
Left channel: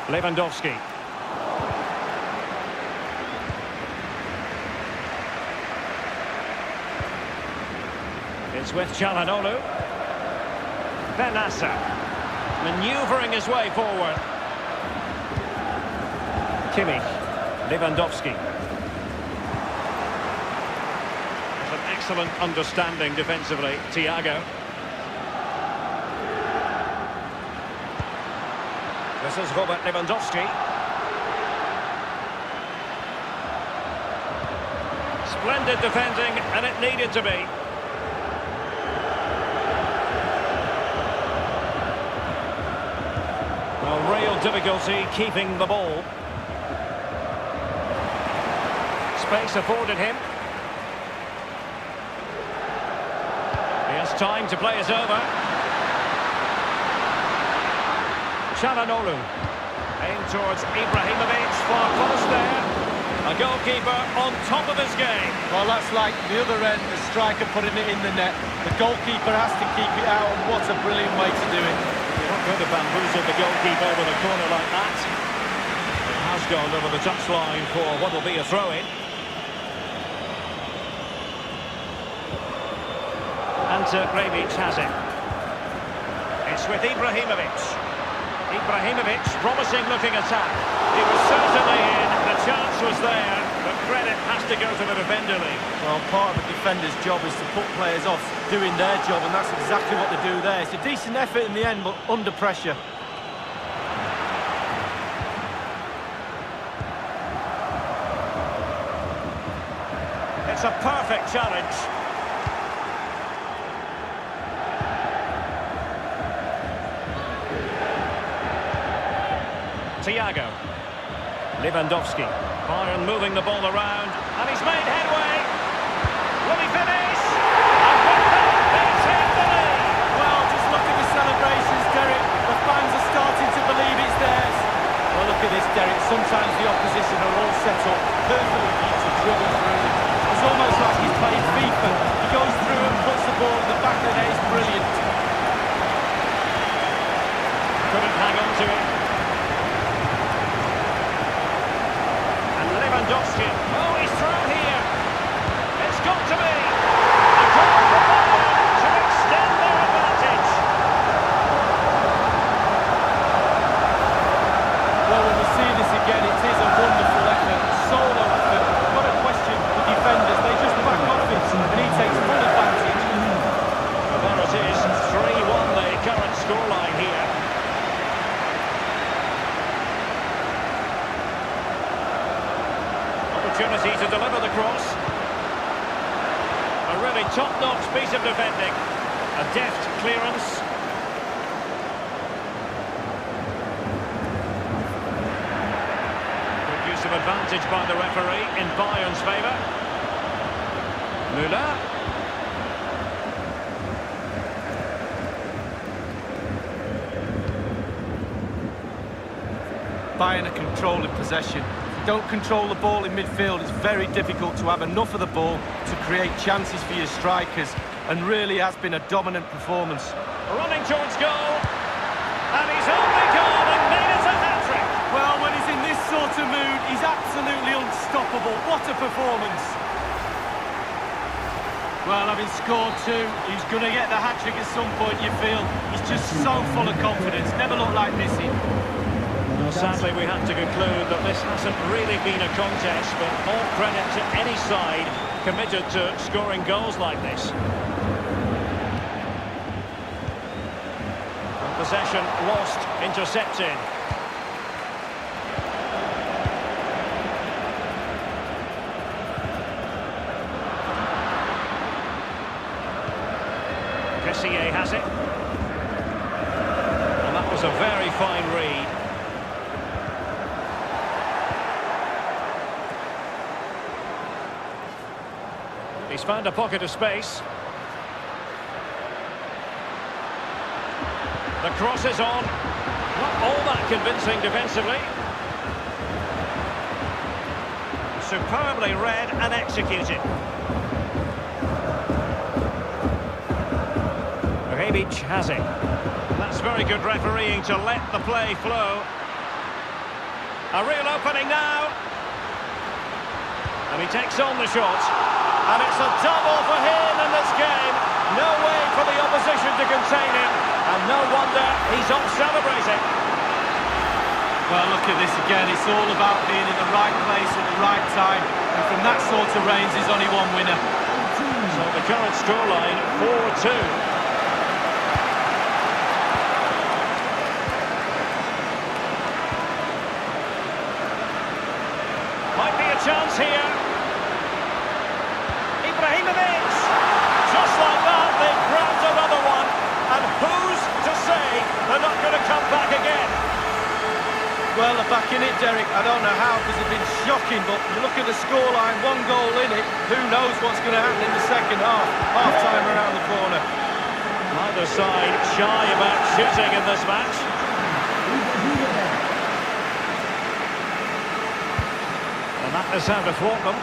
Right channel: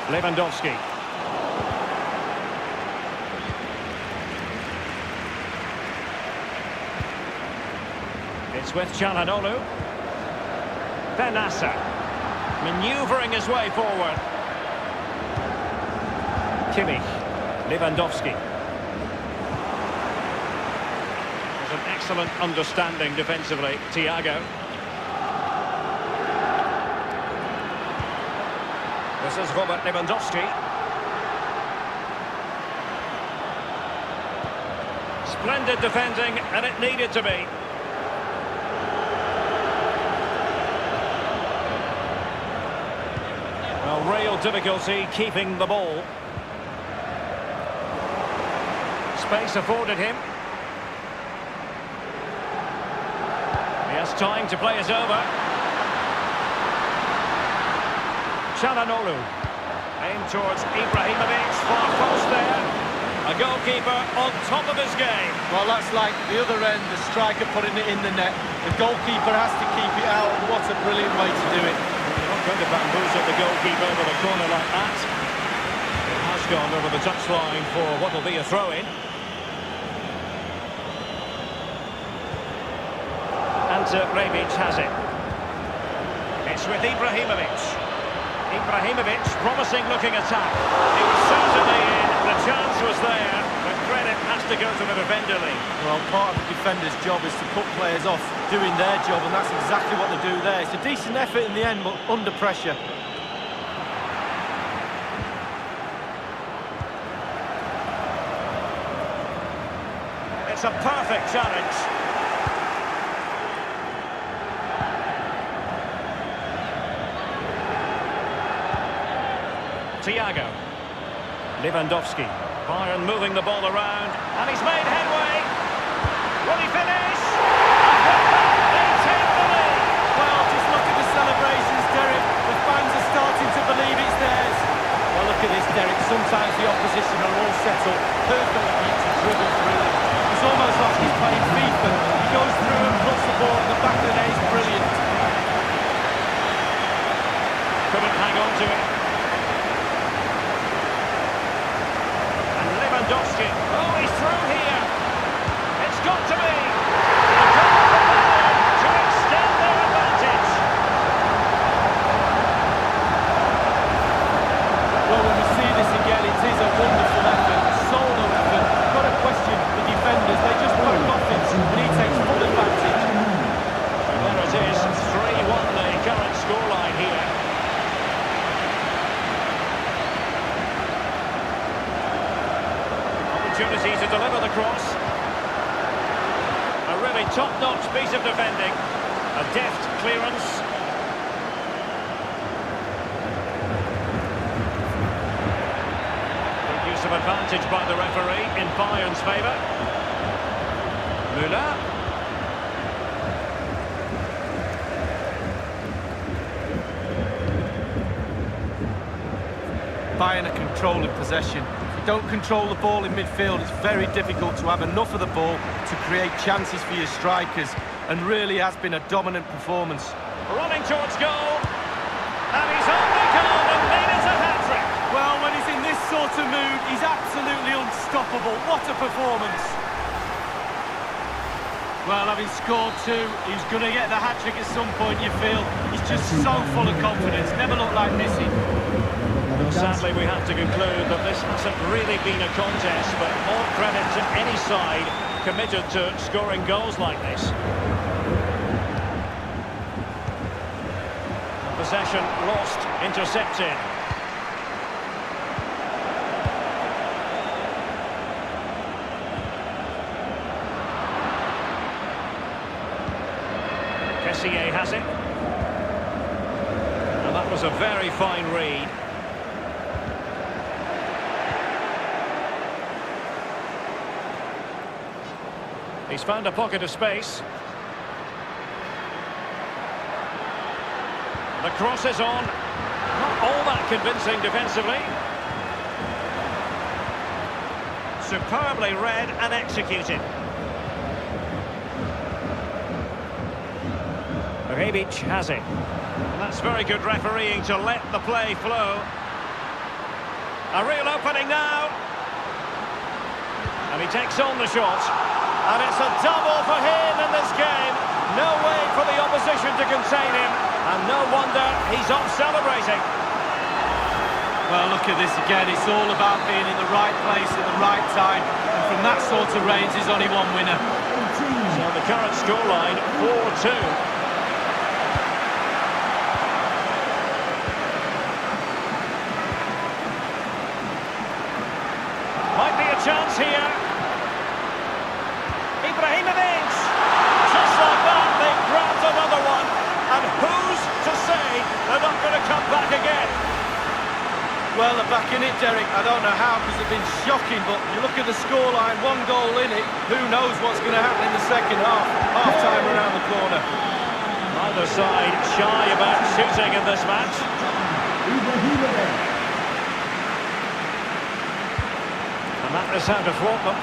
Lewandowski. It's with Çalhanoğlu. Benassa. Manoeuvring his way forward. Kimmich. Lewandowski. There's an excellent understanding defensively. Thiago. This is Robert Lewandowski. Splendid defending, and it needed to be. Well, real difficulty keeping the ball. Space afforded him. He has time to play it over. Çalhanoğlu. Aimed towards Ibrahimovic, far post there. A goalkeeper on top of his game. Well, that's like the other end, the striker putting it in the net. The goalkeeper has to keep it out, and what a brilliant way to do it. You're not going to bamboozle the goalkeeper with a corner like that. They has gone over the touchline for what will be a throw-in. And Rebic has it. It's with Ibrahimovic. Ibrahimovic, promising looking attack. He was certainly in, the chance was there, but credit has to go to the defender, Lee. Well, part of a defender's job is to put players off doing their job, and that's exactly what they do there. It's a decent effort in the end, but under pressure. It's a perfect challenge. Thiago. Lewandowski. Bayern moving the ball around, and he's made headway. Will he finish? And with that, they take the lead. Well, just look at the celebrations, Derek. The fans are starting to believe it's theirs. Well, look at this, Derek. Sometimes the opposition are all set up perfectly for you to dribble through them. It's almost like he's playing FIFA. He goes through and puts the ball in the back of the net. It's brilliant. Couldn't hang on to it. Lewandowski. Oh, he's through here. It's got to be. A goal for Bayern to extend their advantage. Well, when we see this again, it is a wonderful effort, solo effort. Got to question the defenders. They just back off it, and he takes full advantage. So there it is, 3-1 the current scoreline here. Opportunity to deliver the cross. A really top-notch piece of defending. A deft clearance. Good use of advantage by the referee in Bayern's favour. Müller. Bayern are controlling possession. Don't control the ball in midfield, it's very difficult to have enough of the ball to create chances for your strikers, and really has been a dominant performance. Running towards goal, and he's only gone and made it a hat-trick. Well, when he's in this sort of mood, he's absolutely unstoppable. What a performance. Well, having scored two, he's going to get the hat-trick at some point, you feel. He's just so full of confidence, never looked like missing. Sadly, we have to conclude that this hasn't really been a contest, but all credit to any side committed to scoring goals like this. Possession lost, intercepted. Kessié has it. And that was a very fine read. He's found a pocket of space. The cross is on. Not all that convincing defensively. Superbly read and executed. Rebic has it. And that's very good refereeing to let the play flow. A real opening now. And he takes on the shot. And it's a double for him in this game. No way for the opposition to contain him. And no wonder he's off celebrating. Well, look at this again. It's all about being in the right place at the right time. And from that sort of range, there's only one winner. So the current scoreline, 4-2. Might be a chance here. Ibrahimovic! Just like that, they've grabbed another one. And who's to say they're not going to come back again? Well, they're back in it, Derek. I don't know how, because they've been shocking, but you look at the scoreline, one goal in it. Who knows what's going to happen in the second half? Half-time around the corner. Neither side shy about shooting in this match. And that is how to thwart them.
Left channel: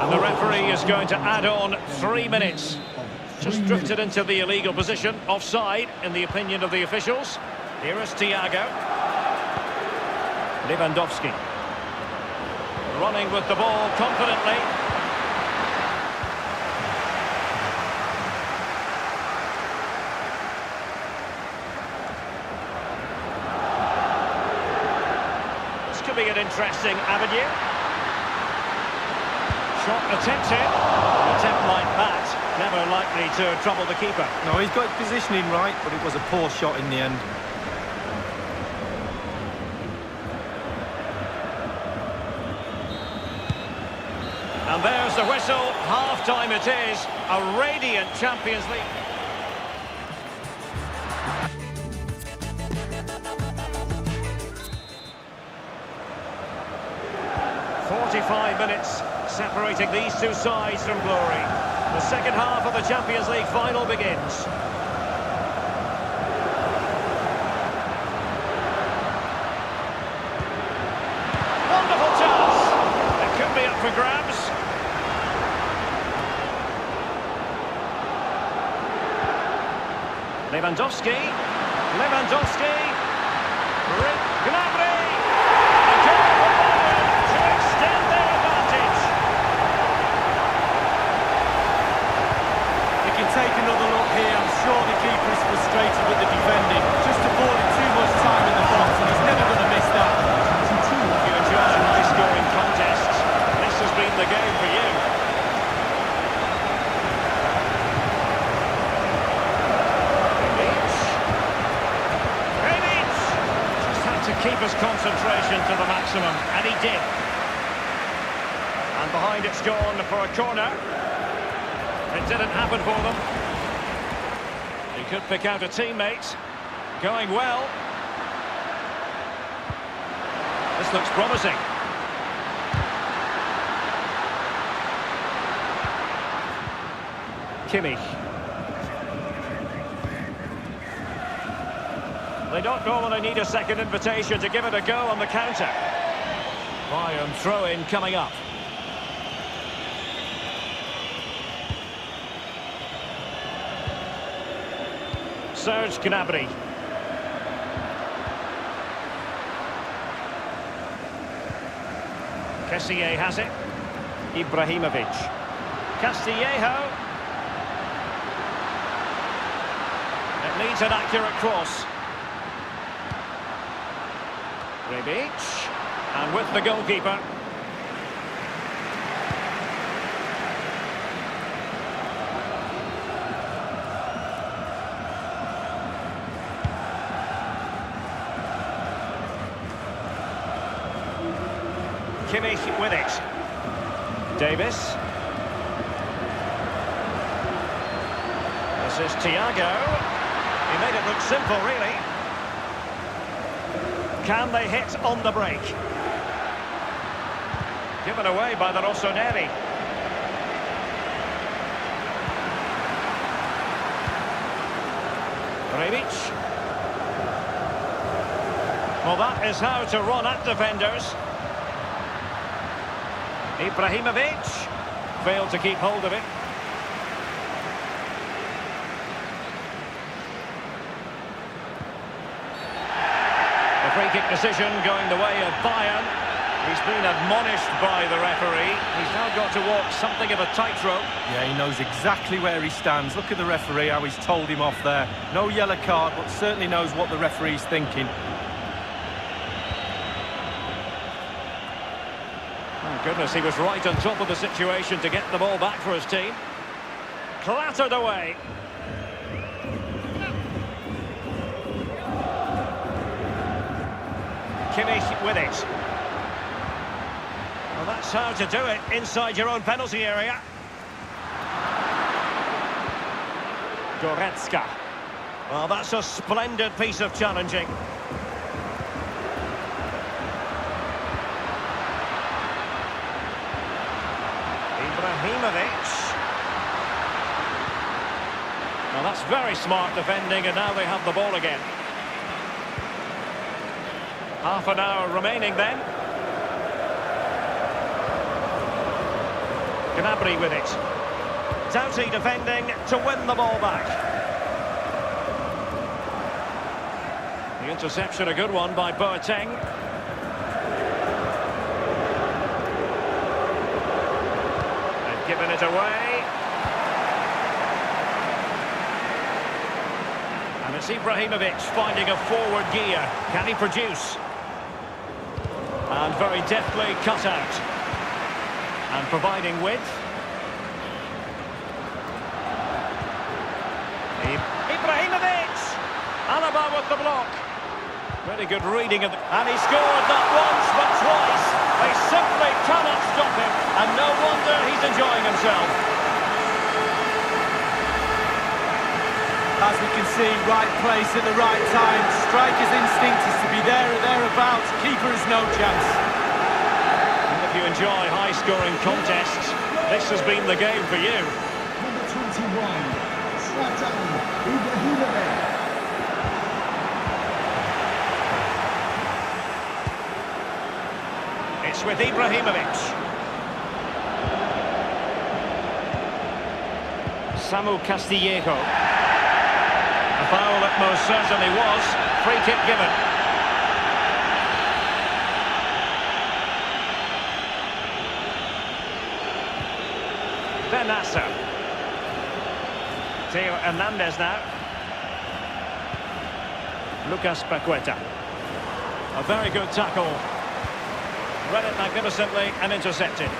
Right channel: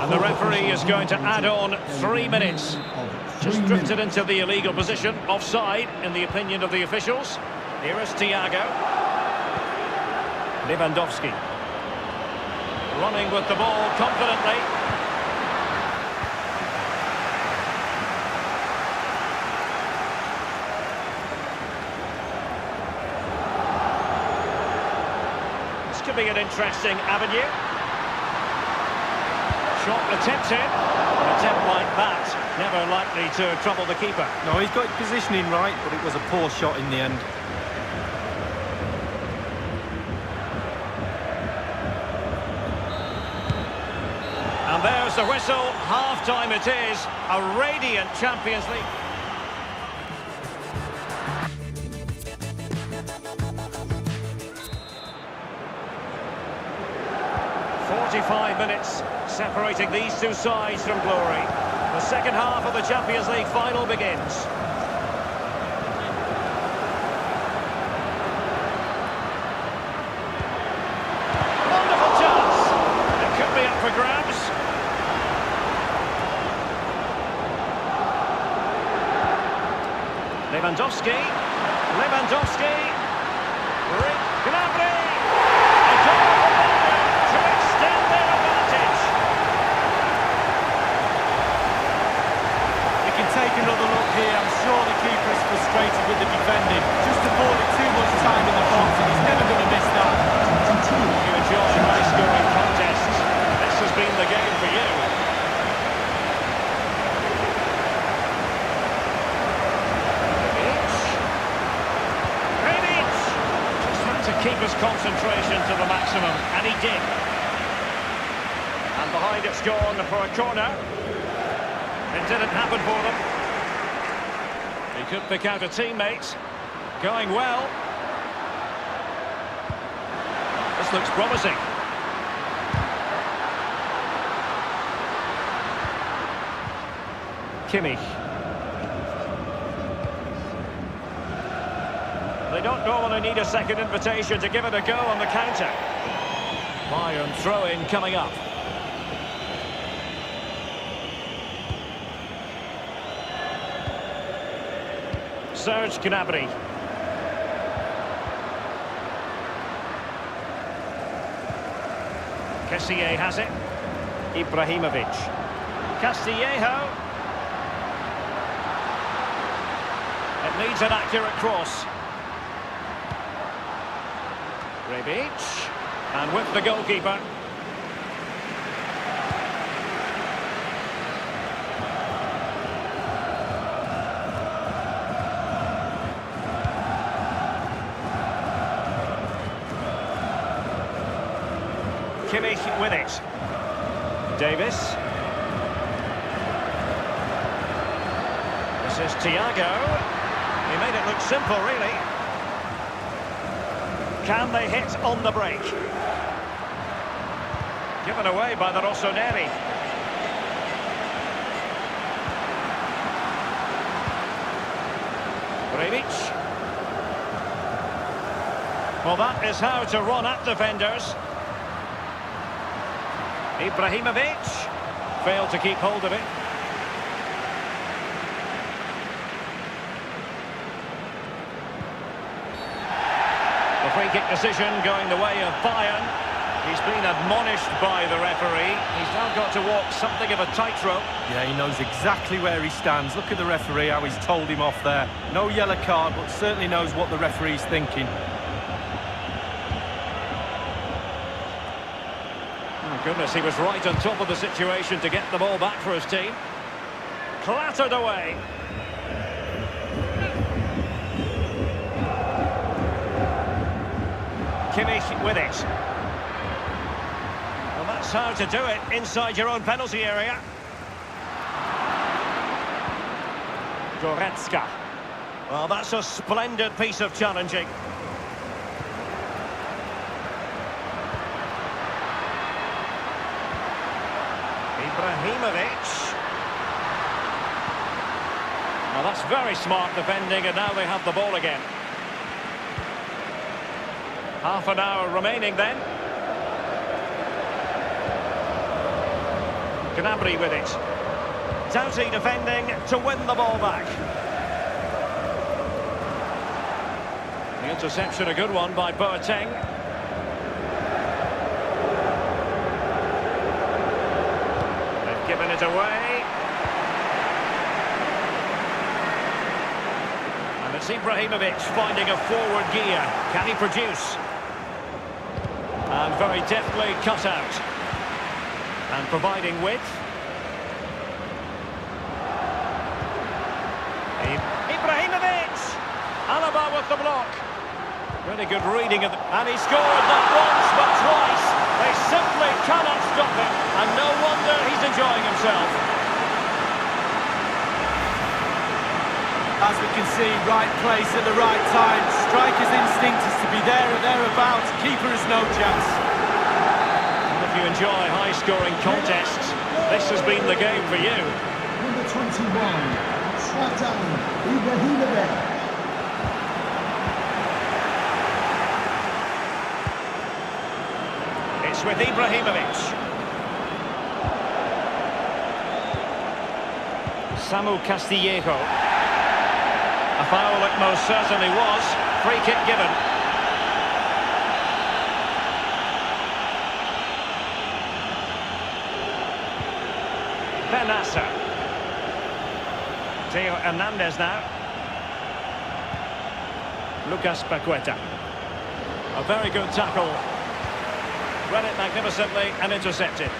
And the referee is going to add on 3 minutes. Just drifted into the illegal position, offside, in the opinion of the officials. Here is Thiago. Lewandowski. Running with the ball confidently. This could be an interesting avenue. Shot attempted. An attempt like that, never likely to trouble the keeper. No, he's got his positioning right, but it was a poor shot in the end. And there's the whistle. Half-time it is. A radiant Champions League. "45 minutes separating these two sides from glory. The second half of the Champions League final begins. Wonderful chance. It could be up for grabs. Lewandowski. Gnabry. A goal for Bayern to extend their advantage. We can take another look here. I'm sure the keeper is frustrated with the defending. Just afforded too much time in the box, and he's never going to miss that. If you enjoy high-scoring contests, this has been the game for you. To keep his concentration to the maximum, and he did. And behind it's gone for a corner. It didn't happen for them. He could pick out a teammate. Going well. This looks promising. Kimmich. They don't normally need a second invitation to give it a go on the counter. Bayern throw-in coming up. Serge Gnabry. Kessié has it. Ibrahimovic. Castillejo. It needs an accurate cross. Rebic, and with the goalkeeper. Kimmich with it. Davis. This is Thiago. He made it look simple, really. Can they hit on the break? Given away by the Rossoneri. Rebic. Well, that is how to run at defenders. Ibrahimovic failed to keep hold of it. The free kick decision going the way of Bayern. He's been admonished by the referee. He's now got to walk something of a tightrope. Yeah, he knows exactly where he stands. Look at the referee, how he's told him off there. No yellow card, but certainly knows what the referee's thinking. Oh, goodness, he was right on top of the situation to get the ball back for his team. Clattered away. Kimmich with it. Well, that's how to do it inside your own penalty area. Goretzka. Well, that's a splendid piece of challenging. Ibrahimovic. Well, that's very smart defending, and now they have the ball again. Half an hour remaining then. Gnabry with it. Doughty defending to win the ball back. The interception, a good one by Boateng. They've given it away. And it's Ibrahimovic finding a forward gear. Can he produce? And very deftly cut out. And providing width. Ibrahimovic! Alaba with the block. Really good reading of the... And he scored not once but twice. They simply cannot stop him. And no wonder he's enjoying himself. As we can see, right place at the right time. Striker's instinct is to be there or thereabouts. Keeper has no chance. Well, if you enjoy high-scoring contests, this has been the game for you. Number 21, Zlatan Ibrahimovic. It's with Ibrahimovic. Samu Castillejo. A foul it most certainly was. Free kick given. Benassa. Theo Hernandez now. Lucas Paqueta. A very good tackle. Read it magnificently and intercepted.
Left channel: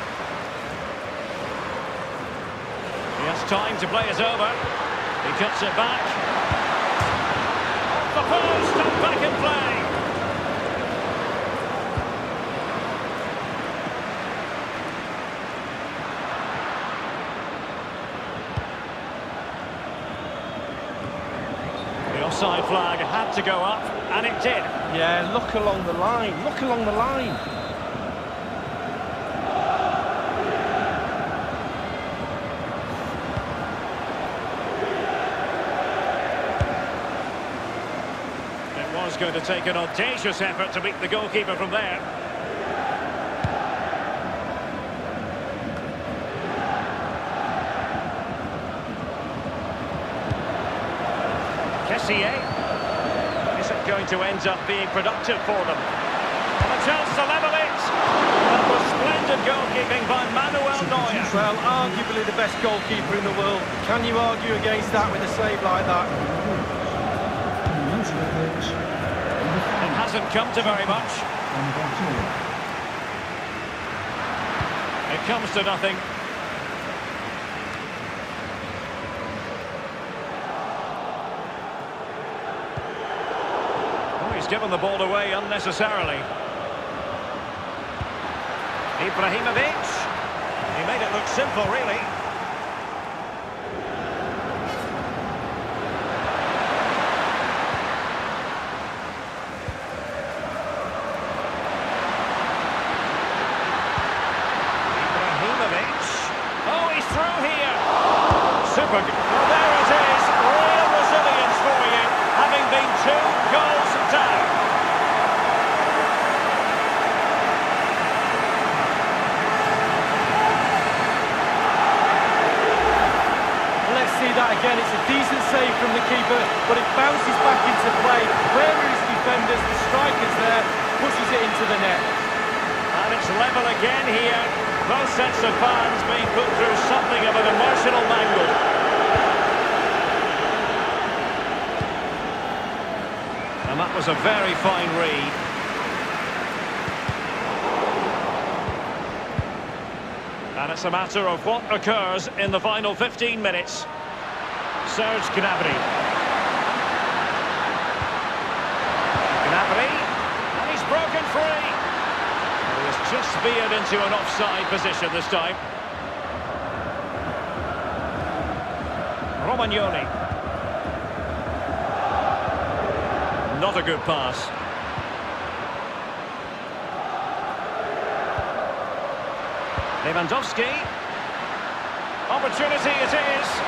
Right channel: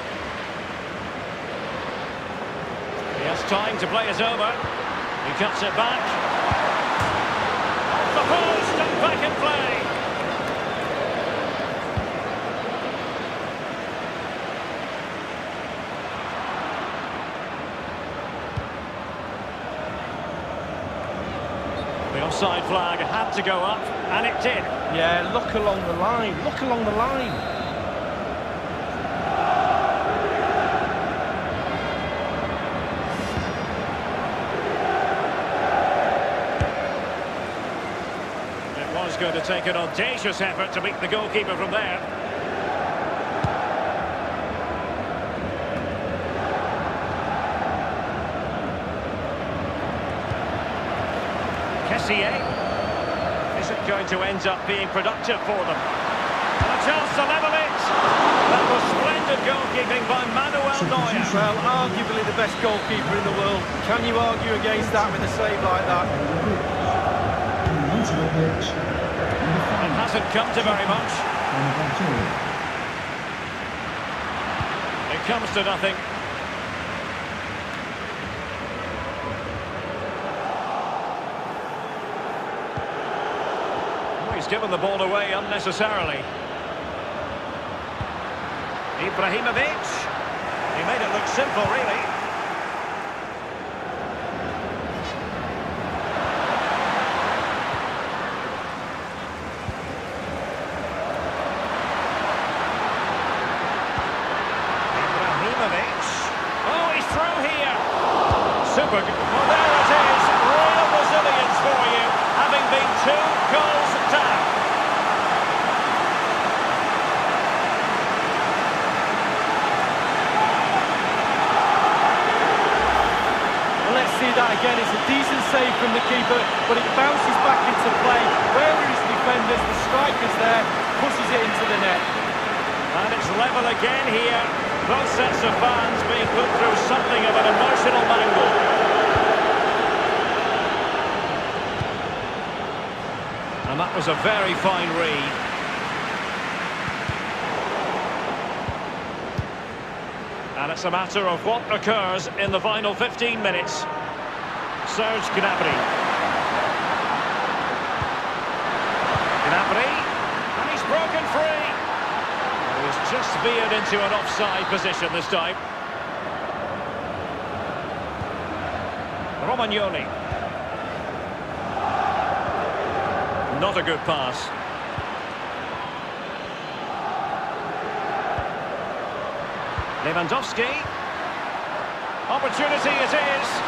He has time to play it over. He cuts it back. Off the post and back in play. The offside flag had to go up, and it did. Yeah, look along the line. Look along the line. Was going to take an audacious effort to beat the goalkeeper from there. Kessié. Is it going to end up being productive for them? And a chance to level it. That was splendid goalkeeping by Manuel Neuer. Well, arguably the best goalkeeper in the world. Can you argue against that with a save like that? Coming onto the pitch. It hasn't come to very much. It comes to nothing. Oh, he's given the ball away unnecessarily. Ibrahimovic. He made it look simple, really. Oh, he's through here. Super good. Well, there it is. Real resilience for you, having been 2 goals down. Well, let's see that again. It's a decent save from the keeper, but it bounces back into play. Where are his defenders? The striker's there, pushes it into the net. And it's level again here. Both sets of fans being put through something of an emotional mangle. And that was a very fine read. And it's a matter of what occurs in the final 15 minutes. Serge Gnabry. Gnabry. And he's broken free. He has just veered into an offside position this time. Romagnoli. Not a good pass. Lewandowski. Opportunity it is.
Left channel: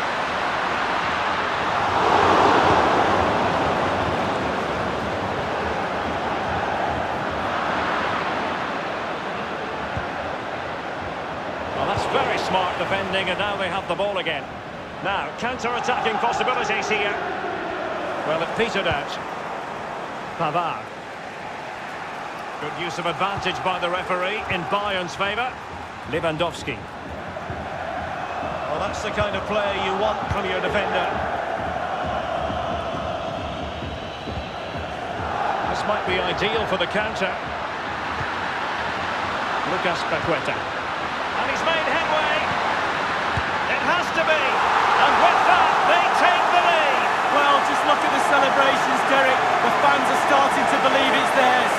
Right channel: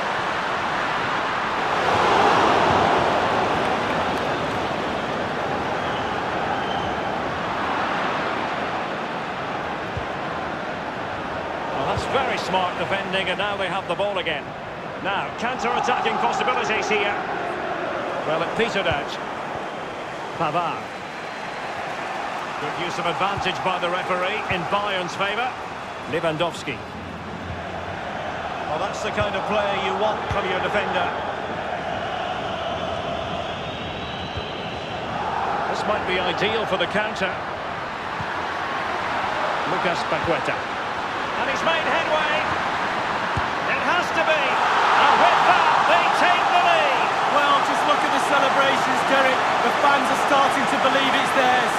That's very smart defending, and now they have the ball again. Now, counter-attacking possibilities here. Well, it petered out. Pavard. Good use of advantage by the referee in Bayern's favour. Lewandowski. Well, that's the kind of player you want from your defender. This might be ideal for the counter. Lucas Paqueta. And he's made headway. It has to be. And with that, they take the lead. Well, just look at the celebrations, Derek. The fans are starting to believe it's theirs.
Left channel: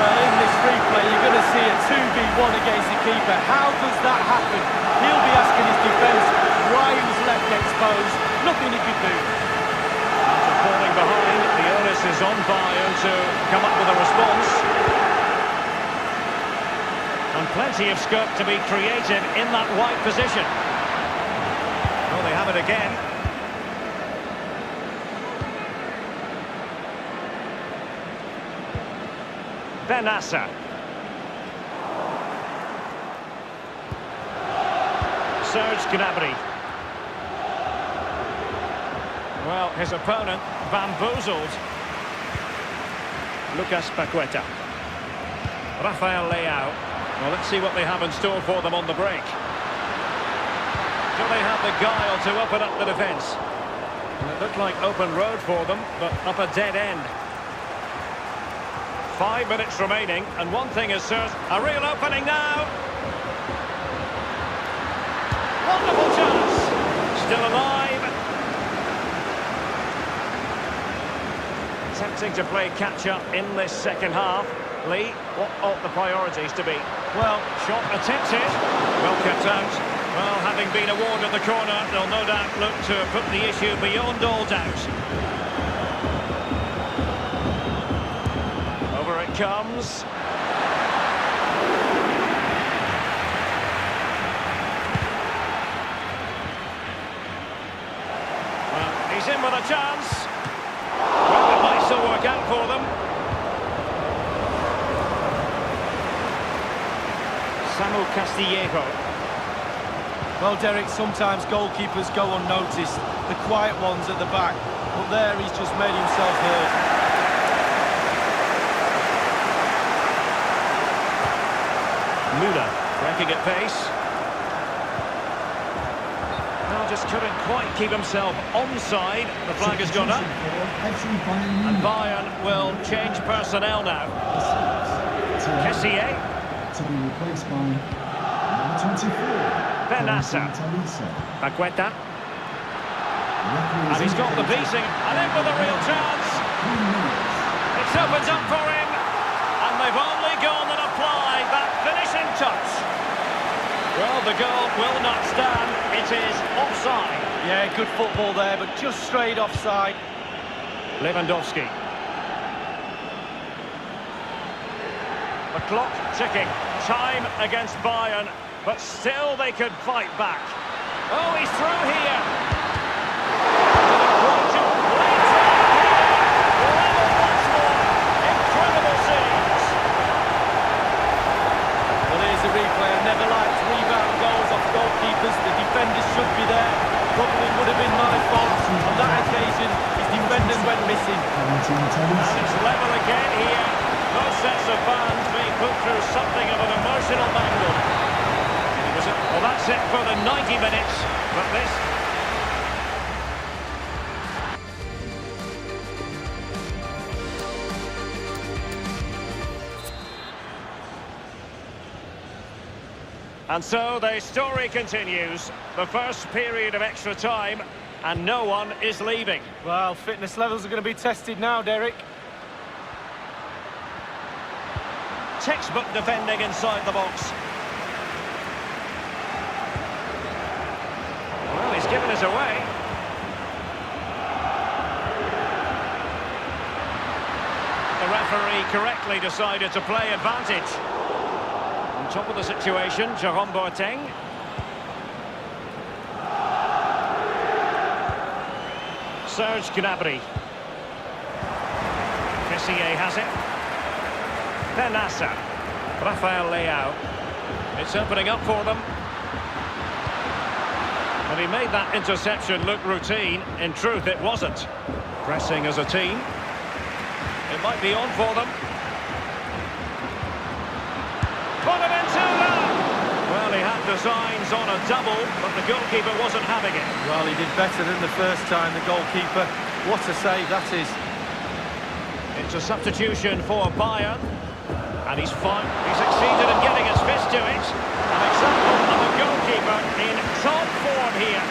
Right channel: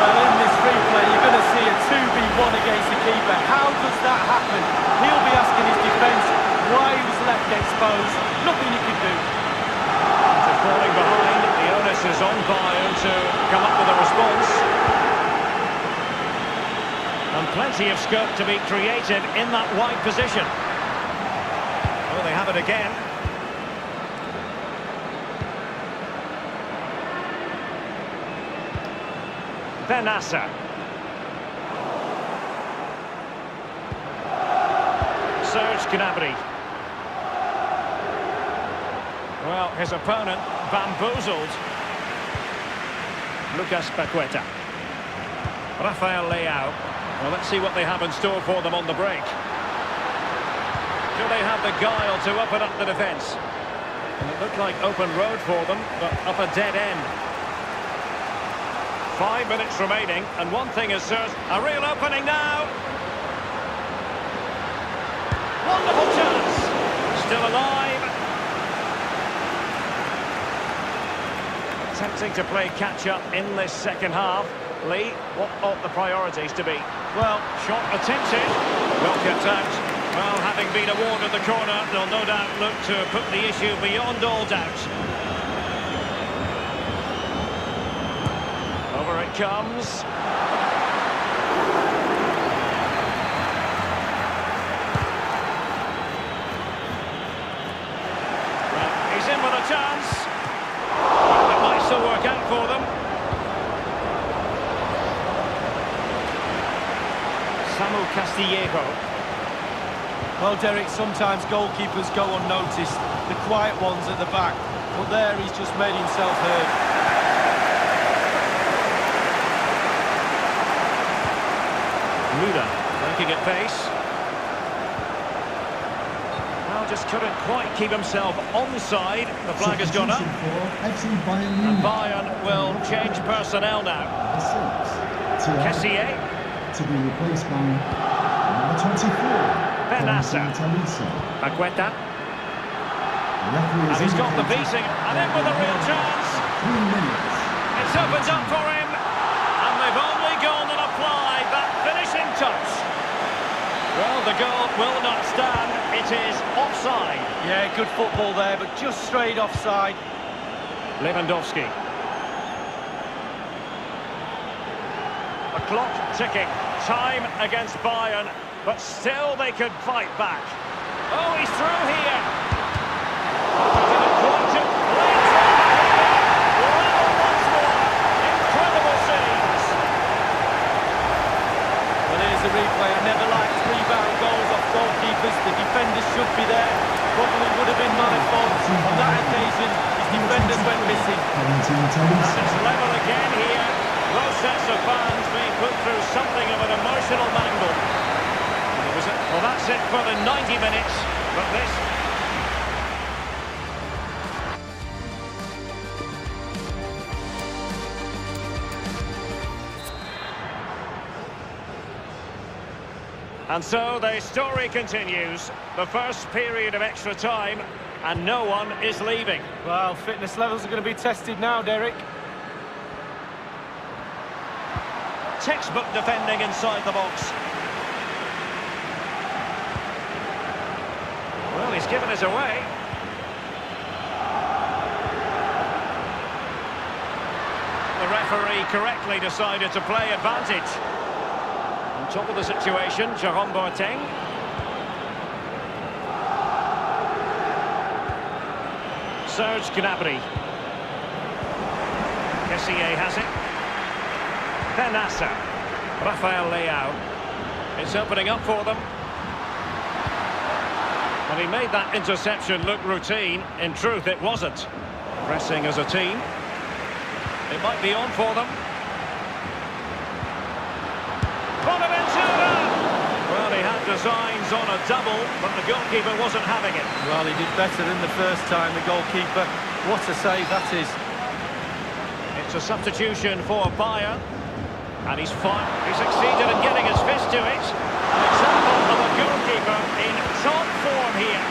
Well, in this replay, you're going to see a 2v1 against the keeper. How does that happen? He'll be asking his defence why he was left exposed. Nothing he could do. After falling behind, the onus is on Bayern to come up with a response. And plenty of scope to be creative in that wide position. Oh, they have it again. Benassa. Serge Gnabry. Well, his opponent bamboozled. Lucas Paqueta. Rafael Leao. Well, let's see what they have in store for them on the break. Do they have the guile to open up the defence? And it looked like open road for them, but up a dead end. 5 minutes remaining, and one thing is certain, a real opening now. Wonderful chance. Still alive. Attempting to play catch-up in this second half. Lee, what ought the priorities to be? Well, shot attempted. Well kept out. Well, having been awarded the corner, they'll no doubt look to put the issue beyond all doubt. Over it comes. Well, he's in with a chance. Well, it might still work out for them. Samu Castillejo. Well, Derek, sometimes goalkeepers go unnoticed. The quiet ones at the back. But there he's just made himself heard. Müller breaking at pace. Well, just couldn't quite keep himself onside. The flag has gone up. And Bayern will change personnel now. Kessié. To be replaced by number 24. Benassa. Paqueta. And he's got the beating. And in with a real chance. 3 minutes. It's opened up for him. And they've only gone and applied that finishing touch. Well, the goal will not stand. It is offside. Yeah, good football there, but just straight offside. Lewandowski. The clock ticking. Time against Bayern. But still they could fight back. Oh, he's through here. Didn't quite do. Lanes over here. Level once more. Incredible scenes. Well, here's a replay. I never liked rebound goals off goalkeepers. The defenders should be there. Probably would have been my fault. On that occasion, his defenders went missing. And it's level again here. Those sets of fans being put through something of an emotional mangle. Well, that's it for the 90 minutes. But this... And so the story continues. The first period of extra time, and no one is leaving. Well, fitness levels are going to be tested now, Derek. Textbook defending inside the box. Well, he's given us away. The referee correctly decided to play advantage. On top of the situation, Jerome Boateng. Serge Gnabry. Kessié has it. Benassa. Rafael Leao. It's opening up for them. Well, he made that interception look routine. In truth, it wasn't. Pressing as a team. It might be on for them. Bonaventura! Well, he had designs on a double, but the goalkeeper wasn't having it. Well, he did better than the first time, the goalkeeper. What a save that is. It's a substitution for Bayern. And he's succeeded in getting his fist to it. An example of a goalkeeper in top form here.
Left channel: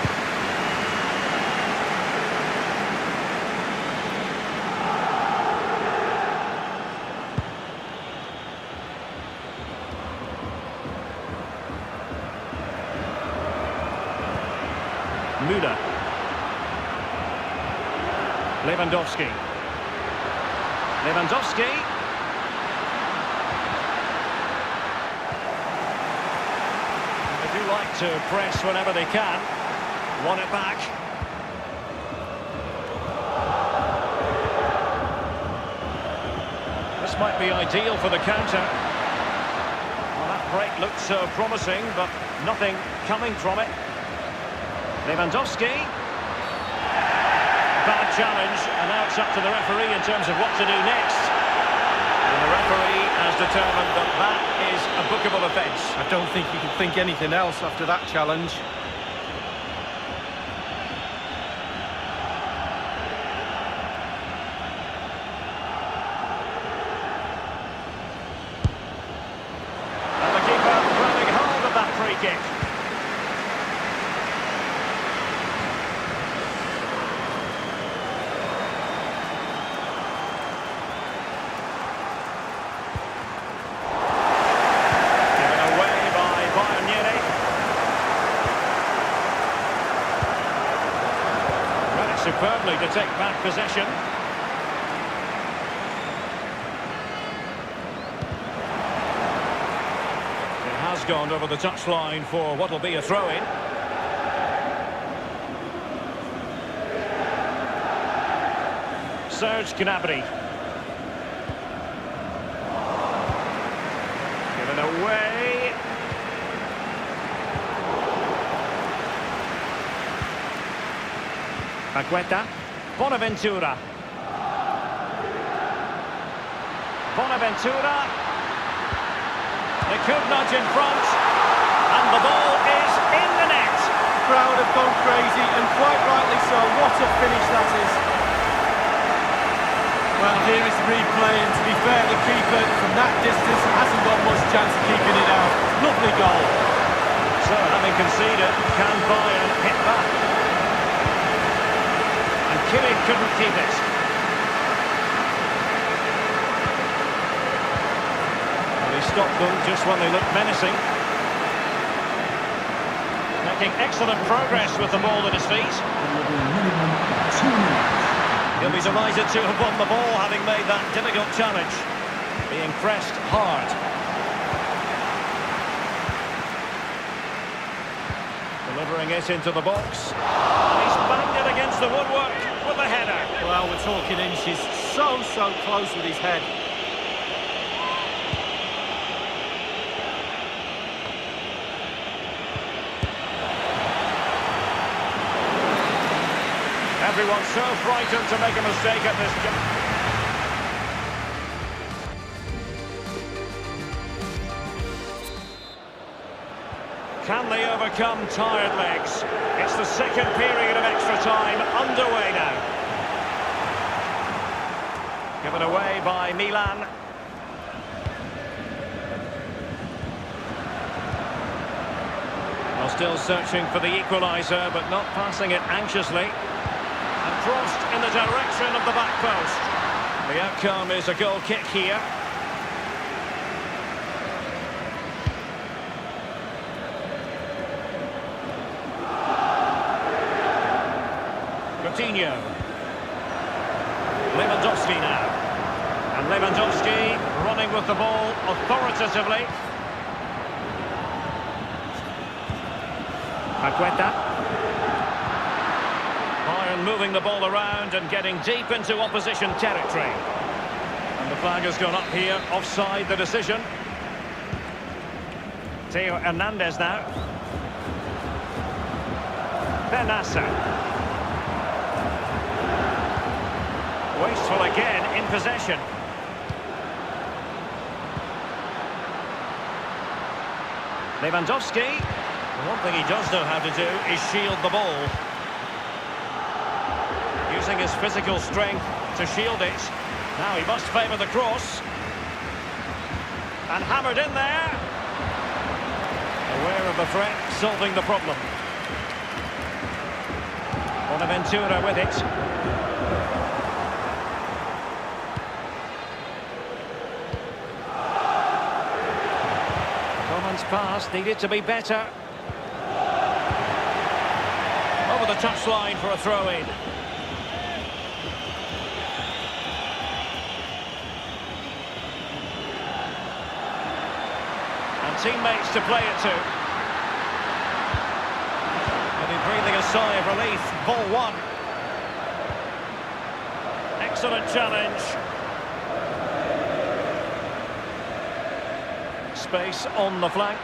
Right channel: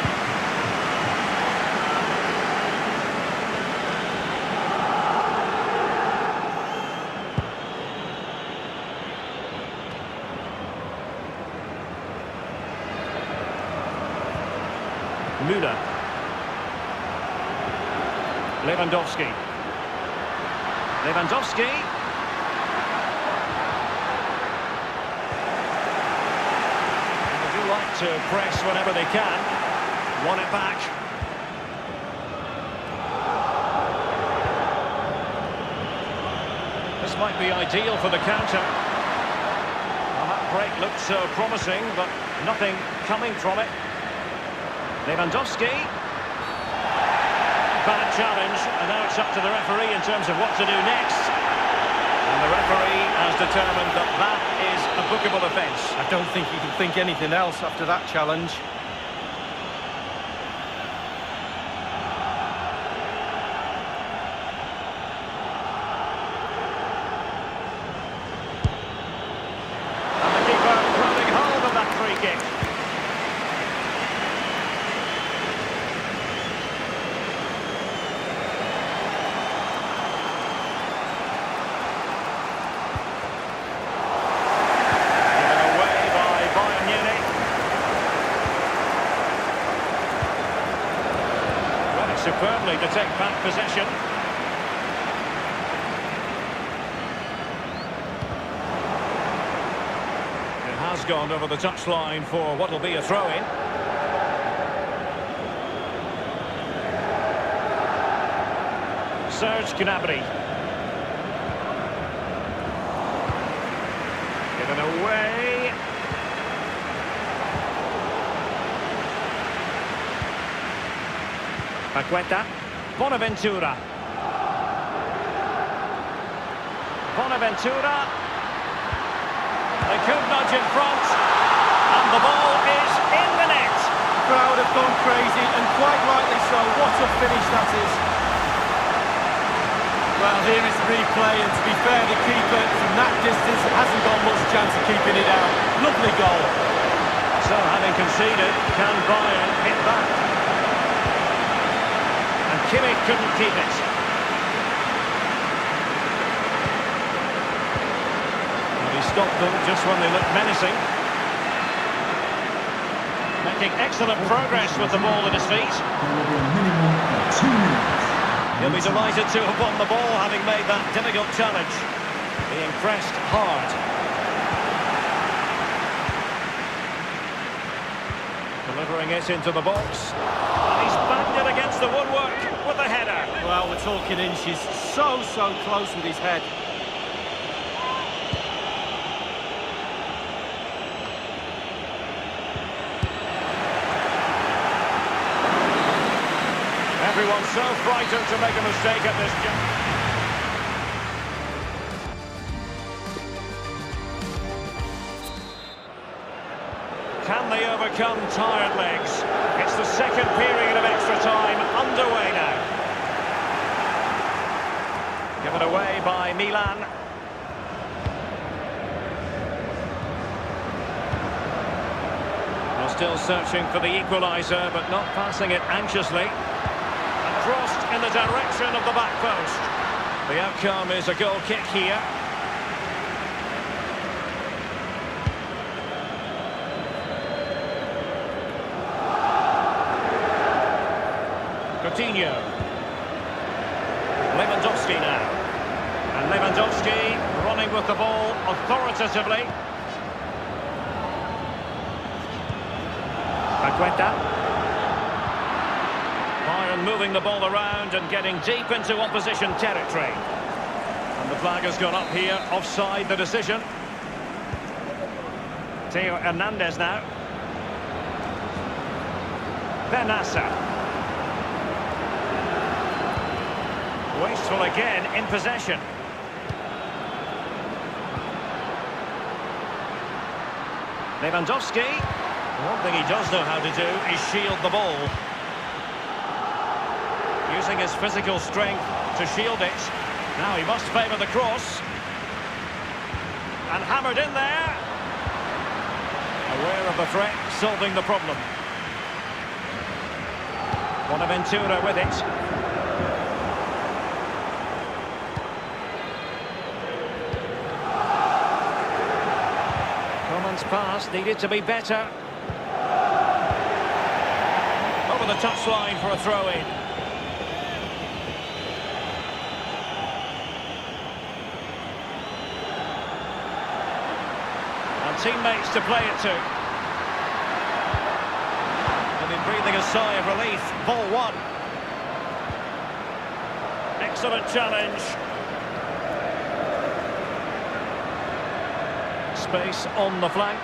Müller. Lewandowski. They do like to press whenever they can. Won it back. This might be ideal for the counter. Well, that break looked so promising, but nothing coming from it. Lewandowski. Bad challenge, and now it's up to the referee in terms of what to do next. And the referee has determined that that is a bookable offence. I don't think you can think anything else after that challenge. And the keeper grabbing hold of that free kick. Read it superbly to take back possession. It has gone over the touchline for what will be a throw-in. Serge Gnabry. Given away. Paqueta. Bonaventura. They could nudge in front. And the ball is in the net. The crowd have gone crazy, and quite rightly so. What a finish that is. Well, here is the replay, and to be fair, the keeper from that distance hasn't got much chance of keeping it out. Lovely goal. So, having conceded, can Bayern hit back? And Kimmich couldn't keep it. Well, he stopped them just when they looked menacing. Making excellent progress with the ball at his feet. There will be a minimum of 2 minutes. He'll be delighted to have won the ball, having made that difficult challenge. Being pressed hard. Delivering it into the box. And he's banged it against the woodwork with the header. Well, we're talking inches. So close with his head. Everyone's so frightened to make a mistake at this jump. Can they overcome tired legs? It's the second period of extra time underway now. Given away by Milan. Well, still searching for the equaliser, but not passing it anxiously. And crossed in the direction of the back post. The outcome is a goal kick here. Coutinho. Lewandowski now. And Lewandowski running with the ball authoritatively. Paqueta. Bayern moving the ball around and getting deep into opposition territory. And the flag has gone up here, offside the decision. Theo Hernandez now. Benassa. Wasteful again in possession. Lewandowski. One thing he does know how to do is shield the ball. Using his physical strength to shield it. Now he must favour the cross. And hammered in there. Aware of the threat, solving the problem. Bonaventura with it. Coman's pass needed to be better. Over the touchline for a throw-in. And teammates to play it to. They'll be breathing a sigh of relief. Ball one. Excellent challenge. Space on the flank.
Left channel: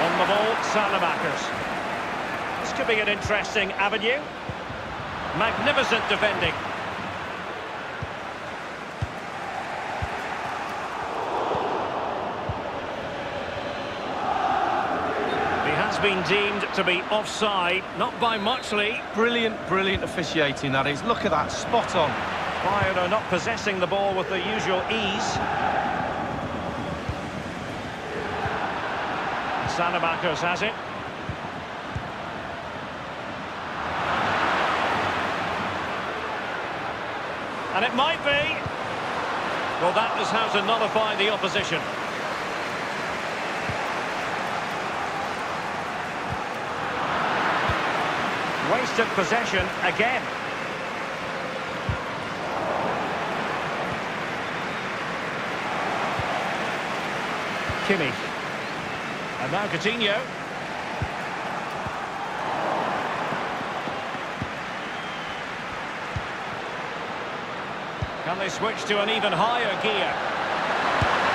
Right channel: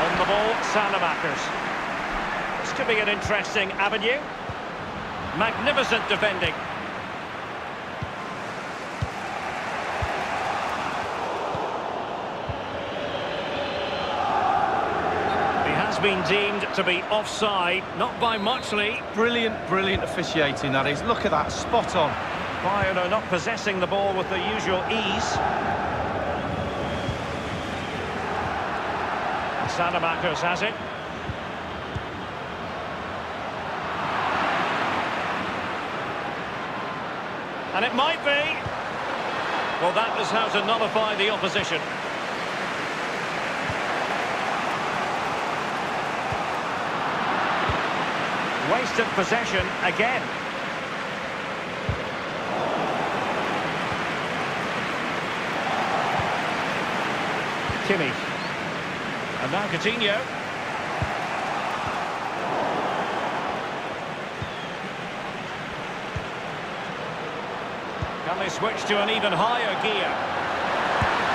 On the ball, Salamakers. This could be an interesting avenue. Magnificent defending. He has been deemed to be offside, not by much, Lee. Brilliant, brilliant officiating, that is. Look at that, spot on. Bayern are not possessing the ball with the usual ease. Salamakers has it. And it might be. Well, that is how to nullify the opposition. Wasted possession again. Kimmich. And now Coutinho. Can they switch to an even higher gear?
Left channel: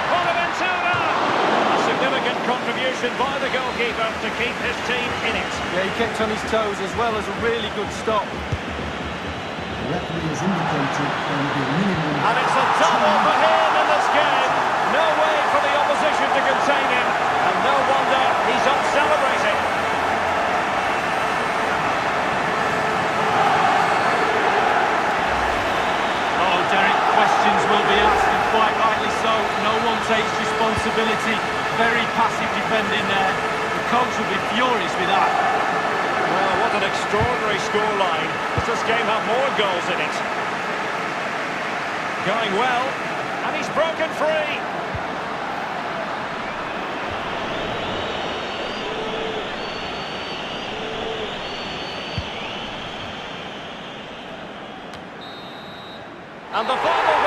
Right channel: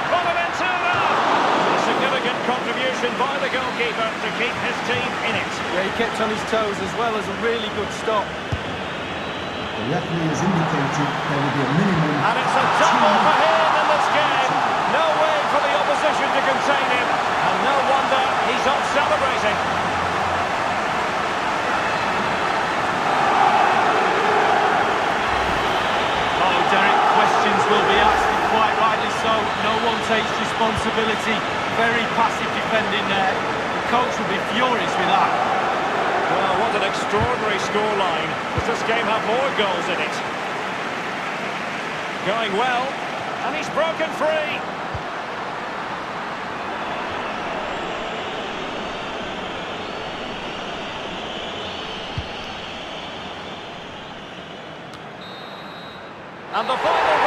Bonaventura! A significant contribution by the goalkeeper to keep his team in it. Yeah, he kept on his toes as well as a really good stop. The referee has indicated there will be a minimum. And it's a double for him in this game. No way for the opposition to contain him. And no wonder he's off celebrating. Oh, Derek, questions will be asked, and quite rightly so. No one takes responsibility. Very passive defending there. The coach will be furious with that. Well, what an extraordinary scoreline. Does this game have more goals in it? Going well, and he's broken free. And the final